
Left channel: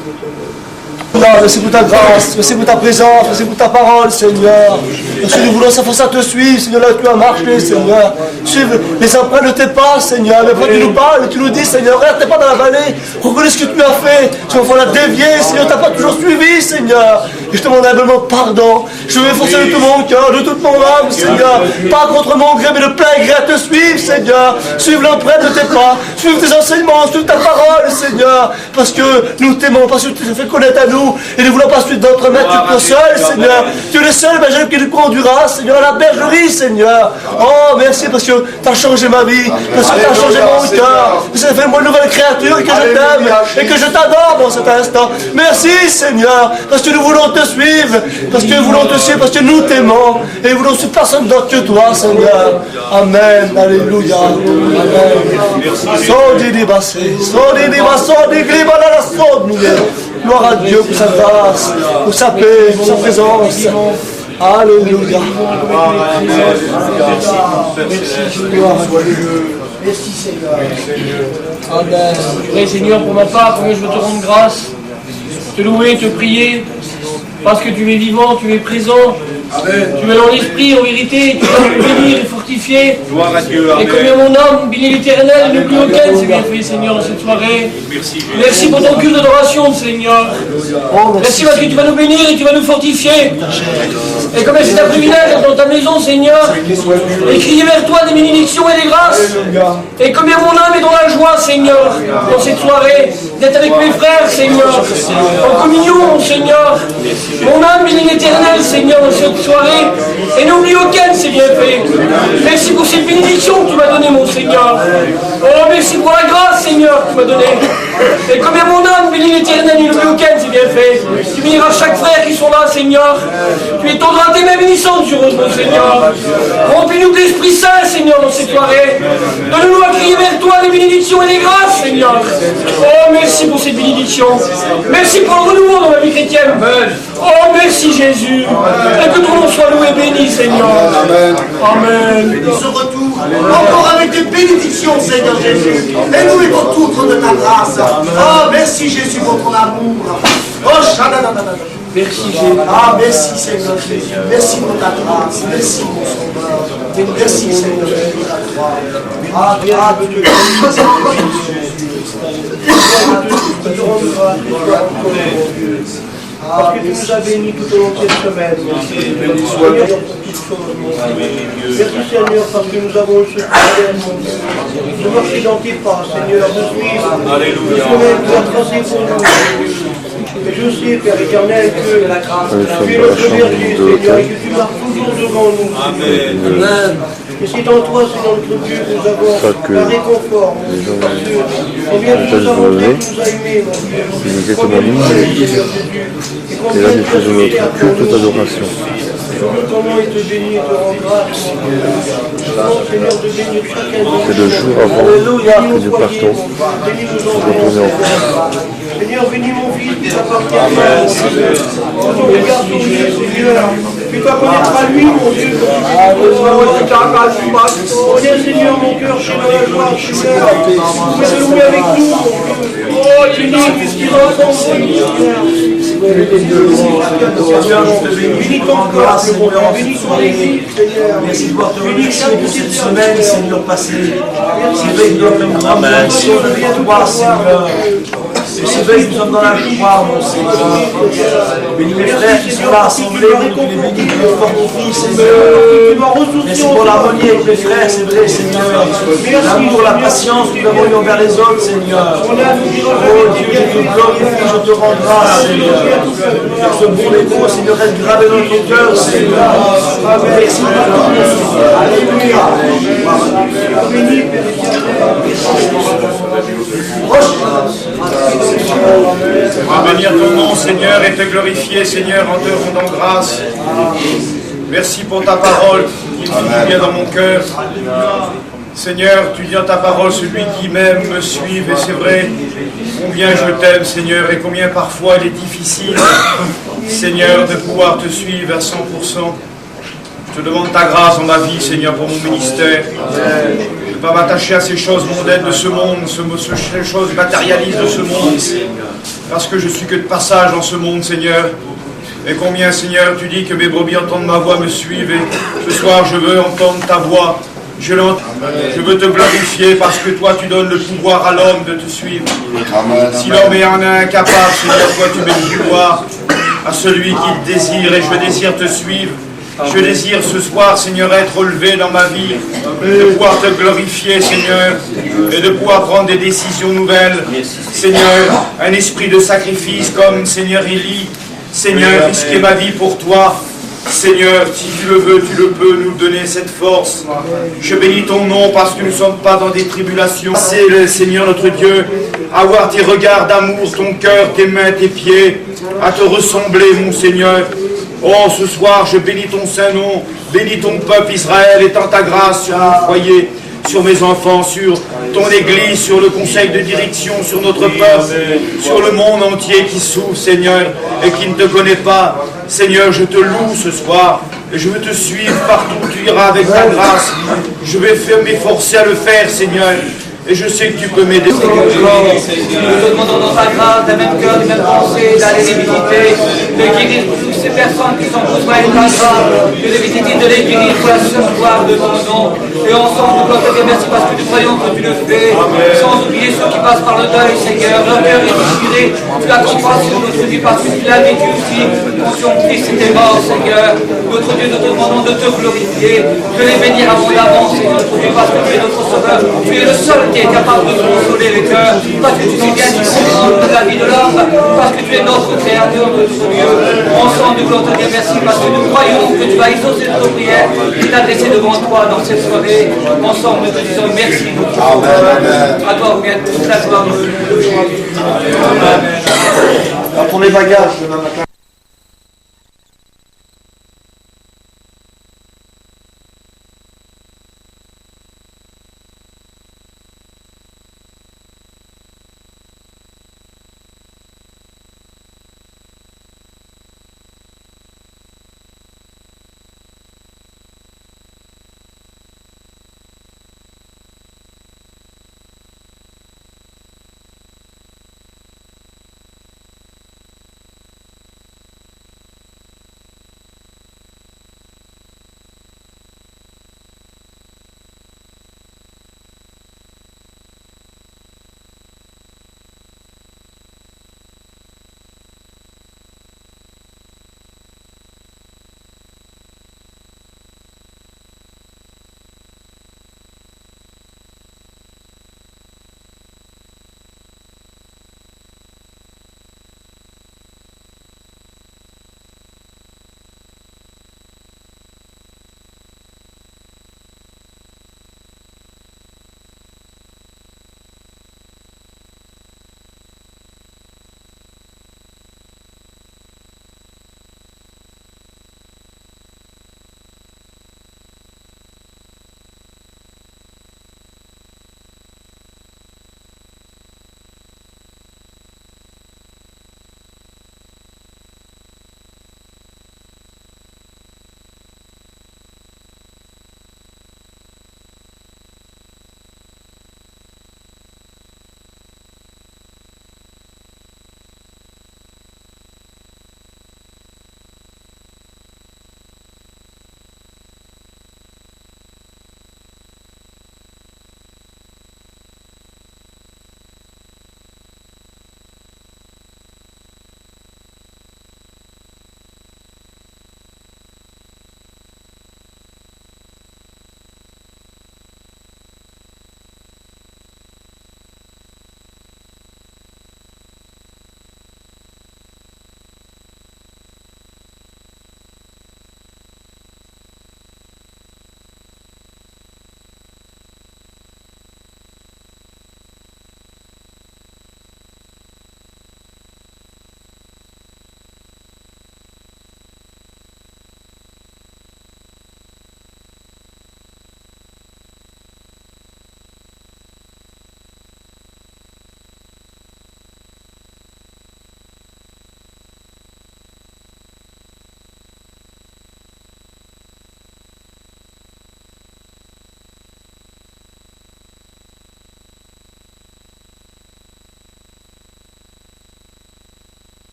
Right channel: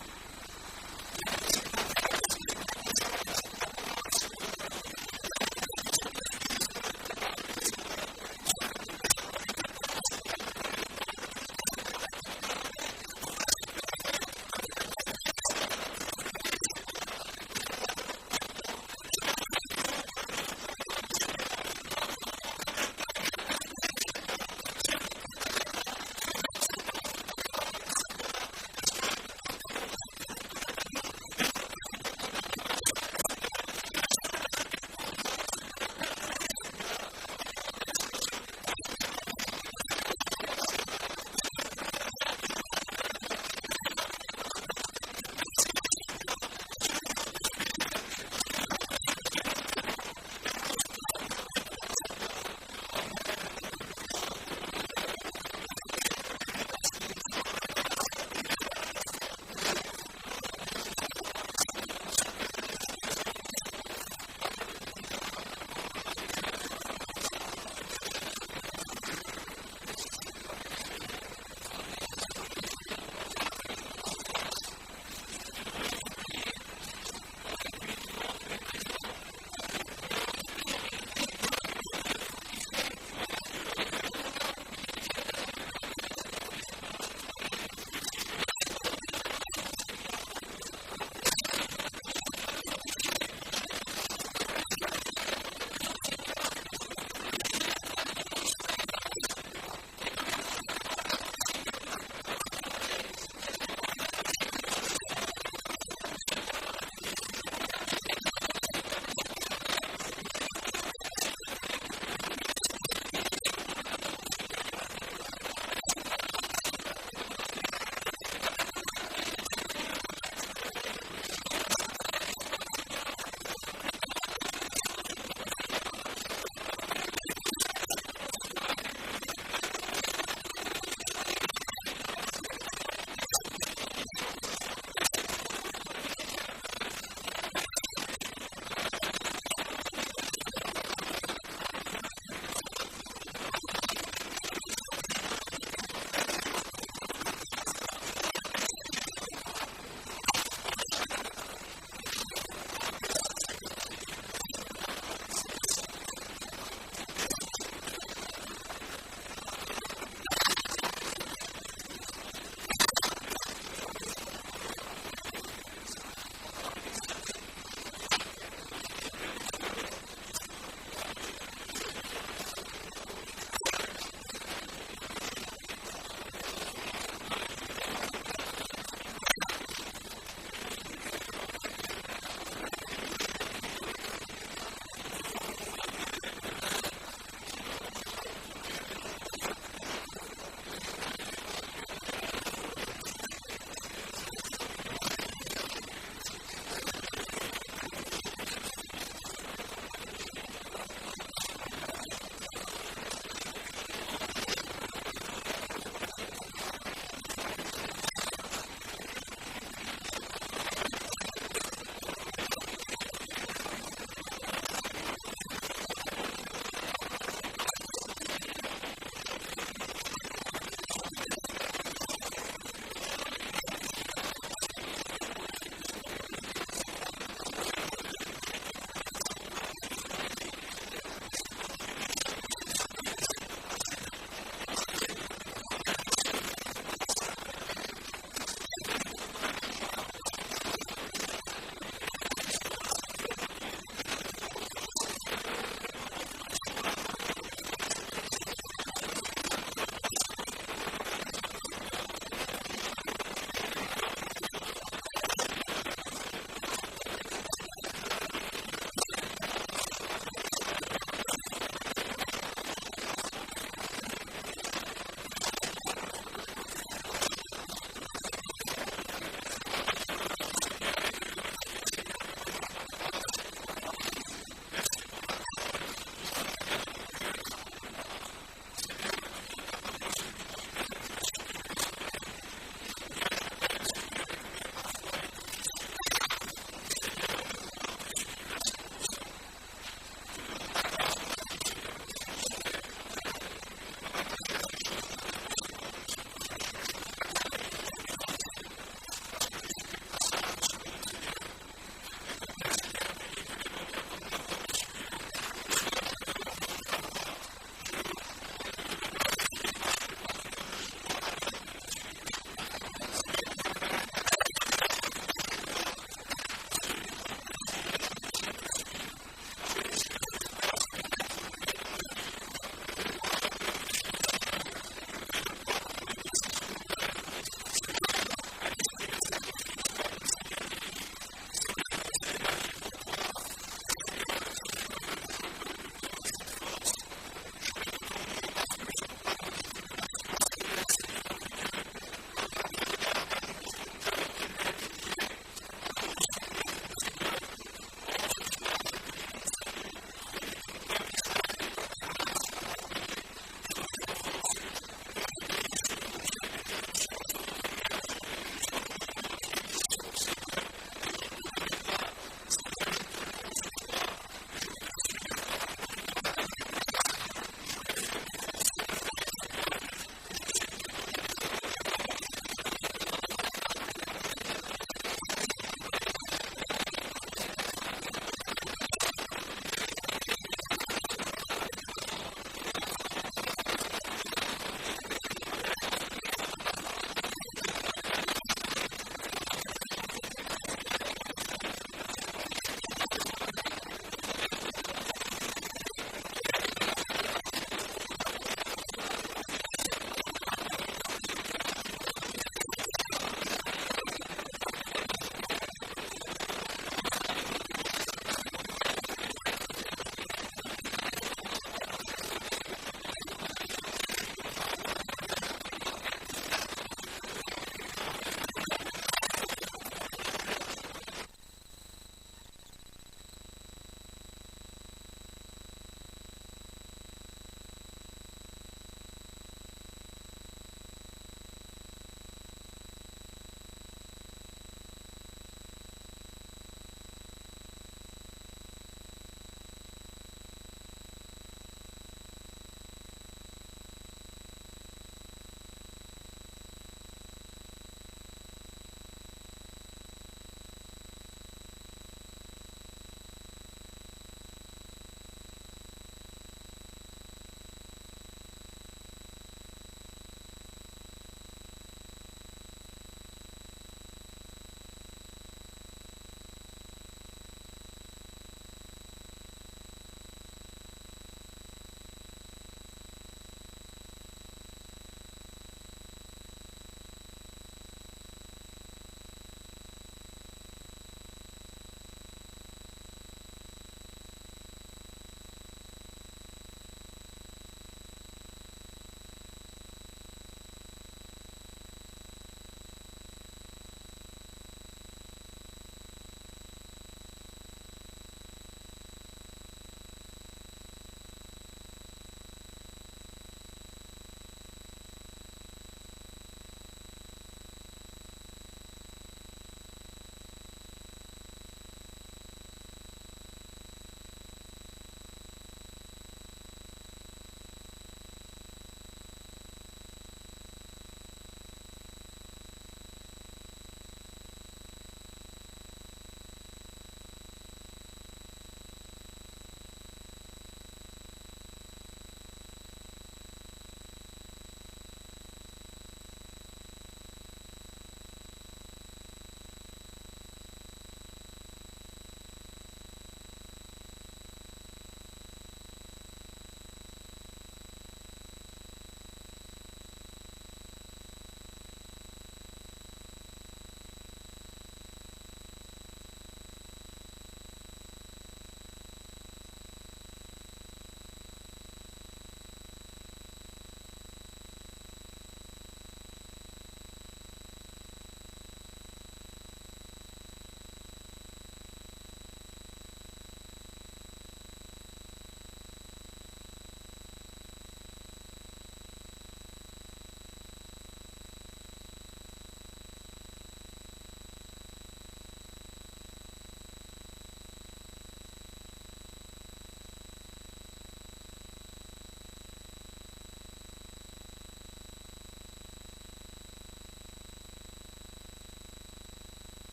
Merci pour ta grâce, merci pour ta présence, merci pour ta parole, Seigneur. Merci, nous voulons s'efforcer à te suivre, Seigneur, là où tu as marché, Seigneur. Suive les empreintes de tes pas, Seigneur. Mais quand tu nous parles et tu nous dis, Seigneur, regarde tes pas dans la vallée, reconnais ce que tu as fait. Tu vas la dévier, Seigneur, tu n'as pas toujours suivi, Seigneur. Et je te demande humblement pardon. Je veux m'efforcer de tout mon cœur, de toute mon âme, Seigneur. Pas contre mon gré, mais de plein gré à te suivre, Seigneur. Suive l'empreinte de tes pas, suive tes enseignements, suive ta parole, Seigneur. Parce que nous t'aimons, parce que tu te fais connaître à nous. Et ne voulons pas suivre d'autres maîtres, tu es le seul, Seigneur. Tu es le seul berger qui nous conduira, Seigneur, à la bergerie, Seigneur. Oh, merci parce que tu as changé ma vie, parce que tu as changé mon cœur. Ça fait moi une nouvelle créature et que je t'aime et que je t'adore dans cet instant. Merci, Seigneur, parce que nous voulons te suivre, parce que nous voulons te suivre, parce que nous t'aimons et nous voulons suivre personne d'autre que toi, Seigneur. Amen. Alléluia. Amen. Gloire à Dieu pour sa grâce, pour sa paix, pour sa présence. Alléluia. Merci Seigneur. Amen. Oui, Seigneur, pour ma part, je veux te rendre grâce, te louer, te prier, parce que tu es vivant, tu es présent. Amen. Tu es dans l'esprit, en vérité, tu vas me bénir et fortifier. Gloire à Dieu. Et combien mon âme bénit l'Éternel, ne plus aucun, c'est bien fait, Seigneur, dans cette soirée. Merci pour ton culte d'adoration, Seigneur. Merci parce que tu vas nous bénir et tu vas nous fortifier. Et comme c'est un privilège dans ta maison, Seigneur, et crier vers toi des bénédictions et des grâces. Et combien mon âme est dans la joie, Seigneur, dans cette soirée, d'être avec mes frères, Seigneur, en communion, Seigneur. Mon âme bénit l'Éternel, Seigneur, dans cette soirée, et n'oublie aucun, c'est bien fait. Merci pour cette bénédiction que tu m'as donnée, mon Seigneur. Oh, merci pour la grâce, Seigneur, que tu m'as donnée. Et combien mon âme bénit l'Éternel, il n'oublie aucun, c'est bien fait. Tu béniras chaque frère qui sont là, Seigneur. Tu étendras tes mains bénissantes sur eux, mon Seigneur. Remplis-nous de l'Esprit Saint, Seigneur, dans cette soirée. Donne-nous à crier vers toi des bénédictions et des grâces, Seigneur. Oh, merci pour cette bénédiction. Merci pour le renouveau dans la vie chrétienne. Oh, merci Jésus. Et que ton nom soit loué et béni, Seigneur. Amen. Ce retour, encore avec des bénédictions, Seigneur Jésus. Et nous les retours de ta grâce. Oh, merci Jésus pour ton amour. Oh, Merci Jésus. ah, merci Seigneur Jésus. Merci pour ta grâce. Merci mon Sauveur. Merci Seigneur Jésus pour ta croix. Ah, Parce que tu nous as bénis tout au long de cette semaine. Merci Seigneur pour toutes choses, mon Dieu. Merci Seigneur parce que nous avons eu ce privilège, mon Dieu, de marcher dans tes pas, Seigneur, de suivre le chemin que tu as tracé pour nous. Et je sais, Père éternel, que tu es notre berger, Seigneur, et que tu marches toujours devant nous. Amen. Et c'est en toi, Seigneur notre Dieu, que nous avons un réconfort, mon Dieu, parce que combien tu nous as montré, tu nous as aimés, mon Dieu. Combien tu nous as aimés, Seigneur Jésus. Et combien tu as donné ta adoration. Je veux comment il te bénit et te rend grâce. Je demande, Seigneur, de bénir chacun de nous. C'est le jour avant que nous partons. Retourner en France. Seigneur, bénis mon fils qui t'appartient. Ton regard sur lui, Seigneur. Fais-toi connaître à lui, mon Dieu. Reviens, Seigneur, mon cœur, chez dans la joie, Seigneur. Vous pouvez louer avec nous, mon Dieu. Oh, Seigneur, qu'est-ce qu'il entend, Seigneur. Bénis ton corps, bénis ton église, Seigneur. Merci de voir te remercier pour cette semaine, Seigneur, passée. C'est vrai que nous sommes dans la joie, Seigneur. C'est vrai que nous sommes dans la joie, mon Seigneur. Bénis mes frères qui sont là assemblés, tu les bénis, tu les fortifies, Seigneur. Merci pour l'harmonie avec mes frères, c'est vrai, Seigneur. L'amour, la patience que nous avons eu envers les autres, Seigneur. Oh Dieu, je te glorifie, je te rends grâce, Seigneur. Ce bon écho, Seigneur, reste gravé dans notre cœur, Seigneur. Merci pour tout. Alléluia. On va bénir ton nom, Seigneur, et te glorifier, Seigneur, en te rendant grâce. Merci pour ta parole qui me vient dans mon cœur. Seigneur, tu dis dans ta parole, celui qui m'aime me suive, et c'est vrai, combien je t'aime, Seigneur, et combien parfois il est difficile, Seigneur, de pouvoir te suivre à 100%. Je te demande ta grâce dans ma vie, Seigneur, pour mon ministère. De ne pas m'attacher à ces choses mondaines de ce monde, ces choses matérialistes de ce monde, parce que je suis que de passage dans ce monde, Seigneur. Et combien, Seigneur, tu dis que mes brebis entendent ma voix, me suivent, et ce soir, je veux entendre ta voix. Je veux te glorifier parce que toi tu donnes le pouvoir à l'homme de te suivre. Si l'homme est incapable, Seigneur, toi tu mets le pouvoir à celui qui le désire, et je désire te suivre. Je désire ce soir, Seigneur, être relevé dans ma vie, de pouvoir te glorifier, Seigneur, et de pouvoir prendre des décisions nouvelles. Seigneur, un esprit de sacrifice comme Seigneur Élie. Seigneur, risquer ma vie pour toi. Seigneur, si tu le veux, tu le peux nous donner cette force. Je bénis ton nom parce que nous ne sommes pas dans des tribulations. C'est le Seigneur notre Dieu, avoir tes regards d'amour, ton cœur, tes mains, tes pieds, à te ressembler, mon Seigneur. Oh, ce soir, je bénis ton saint nom, bénis ton peuple Israël, étends ta grâce sur mon foyer, sur mes enfants, sur ton Église, sur le conseil de direction, sur notre peuple, sur le monde entier qui souffre, Seigneur, et qui ne te connaît pas. Seigneur, je te loue ce soir, et je veux te suivre partout où tu iras avec ta grâce. Je vais m'efforcer à le faire, Seigneur, et je sais que tu peux m'aider. Nous te demandons dans ta grâce, des mêmes cœurs, des mêmes pensées, d'aller les visiter, de guérir toutes ces personnes qui sont besoin de ta grâce, de les visiter, de les guérir pour la seule gloire de ton nom. Et ensemble, nous te dire merci parce que nous croyons que tu le fais, sans oublier ceux qui passent par le deuil, Seigneur. Leur cœur est déchiré, tu la comprends sur notre vie parce que tu l'as vécu aussi. Conscient Christ était mort, Seigneur. Notre Dieu, nous te demandons de te glorifier, de les bénir abondamment, Seigneur, notre Dieu, parce que tu es notre sauveur. Tu es le seul qui est capable de consoler les cœurs, parce que tu sais bien du fond de la vie de l'homme, parce que tu es notre créateur, notre Dieu. Ensemble, nous voulons te dire merci parce que nous croyons que tu vas exaucer notre prière et t'adresser devant toi dans cette soirée. Ensemble, nous te disons merci, notre Dieu. À toi, revient toute la gloire. Pour les bagages demain matin.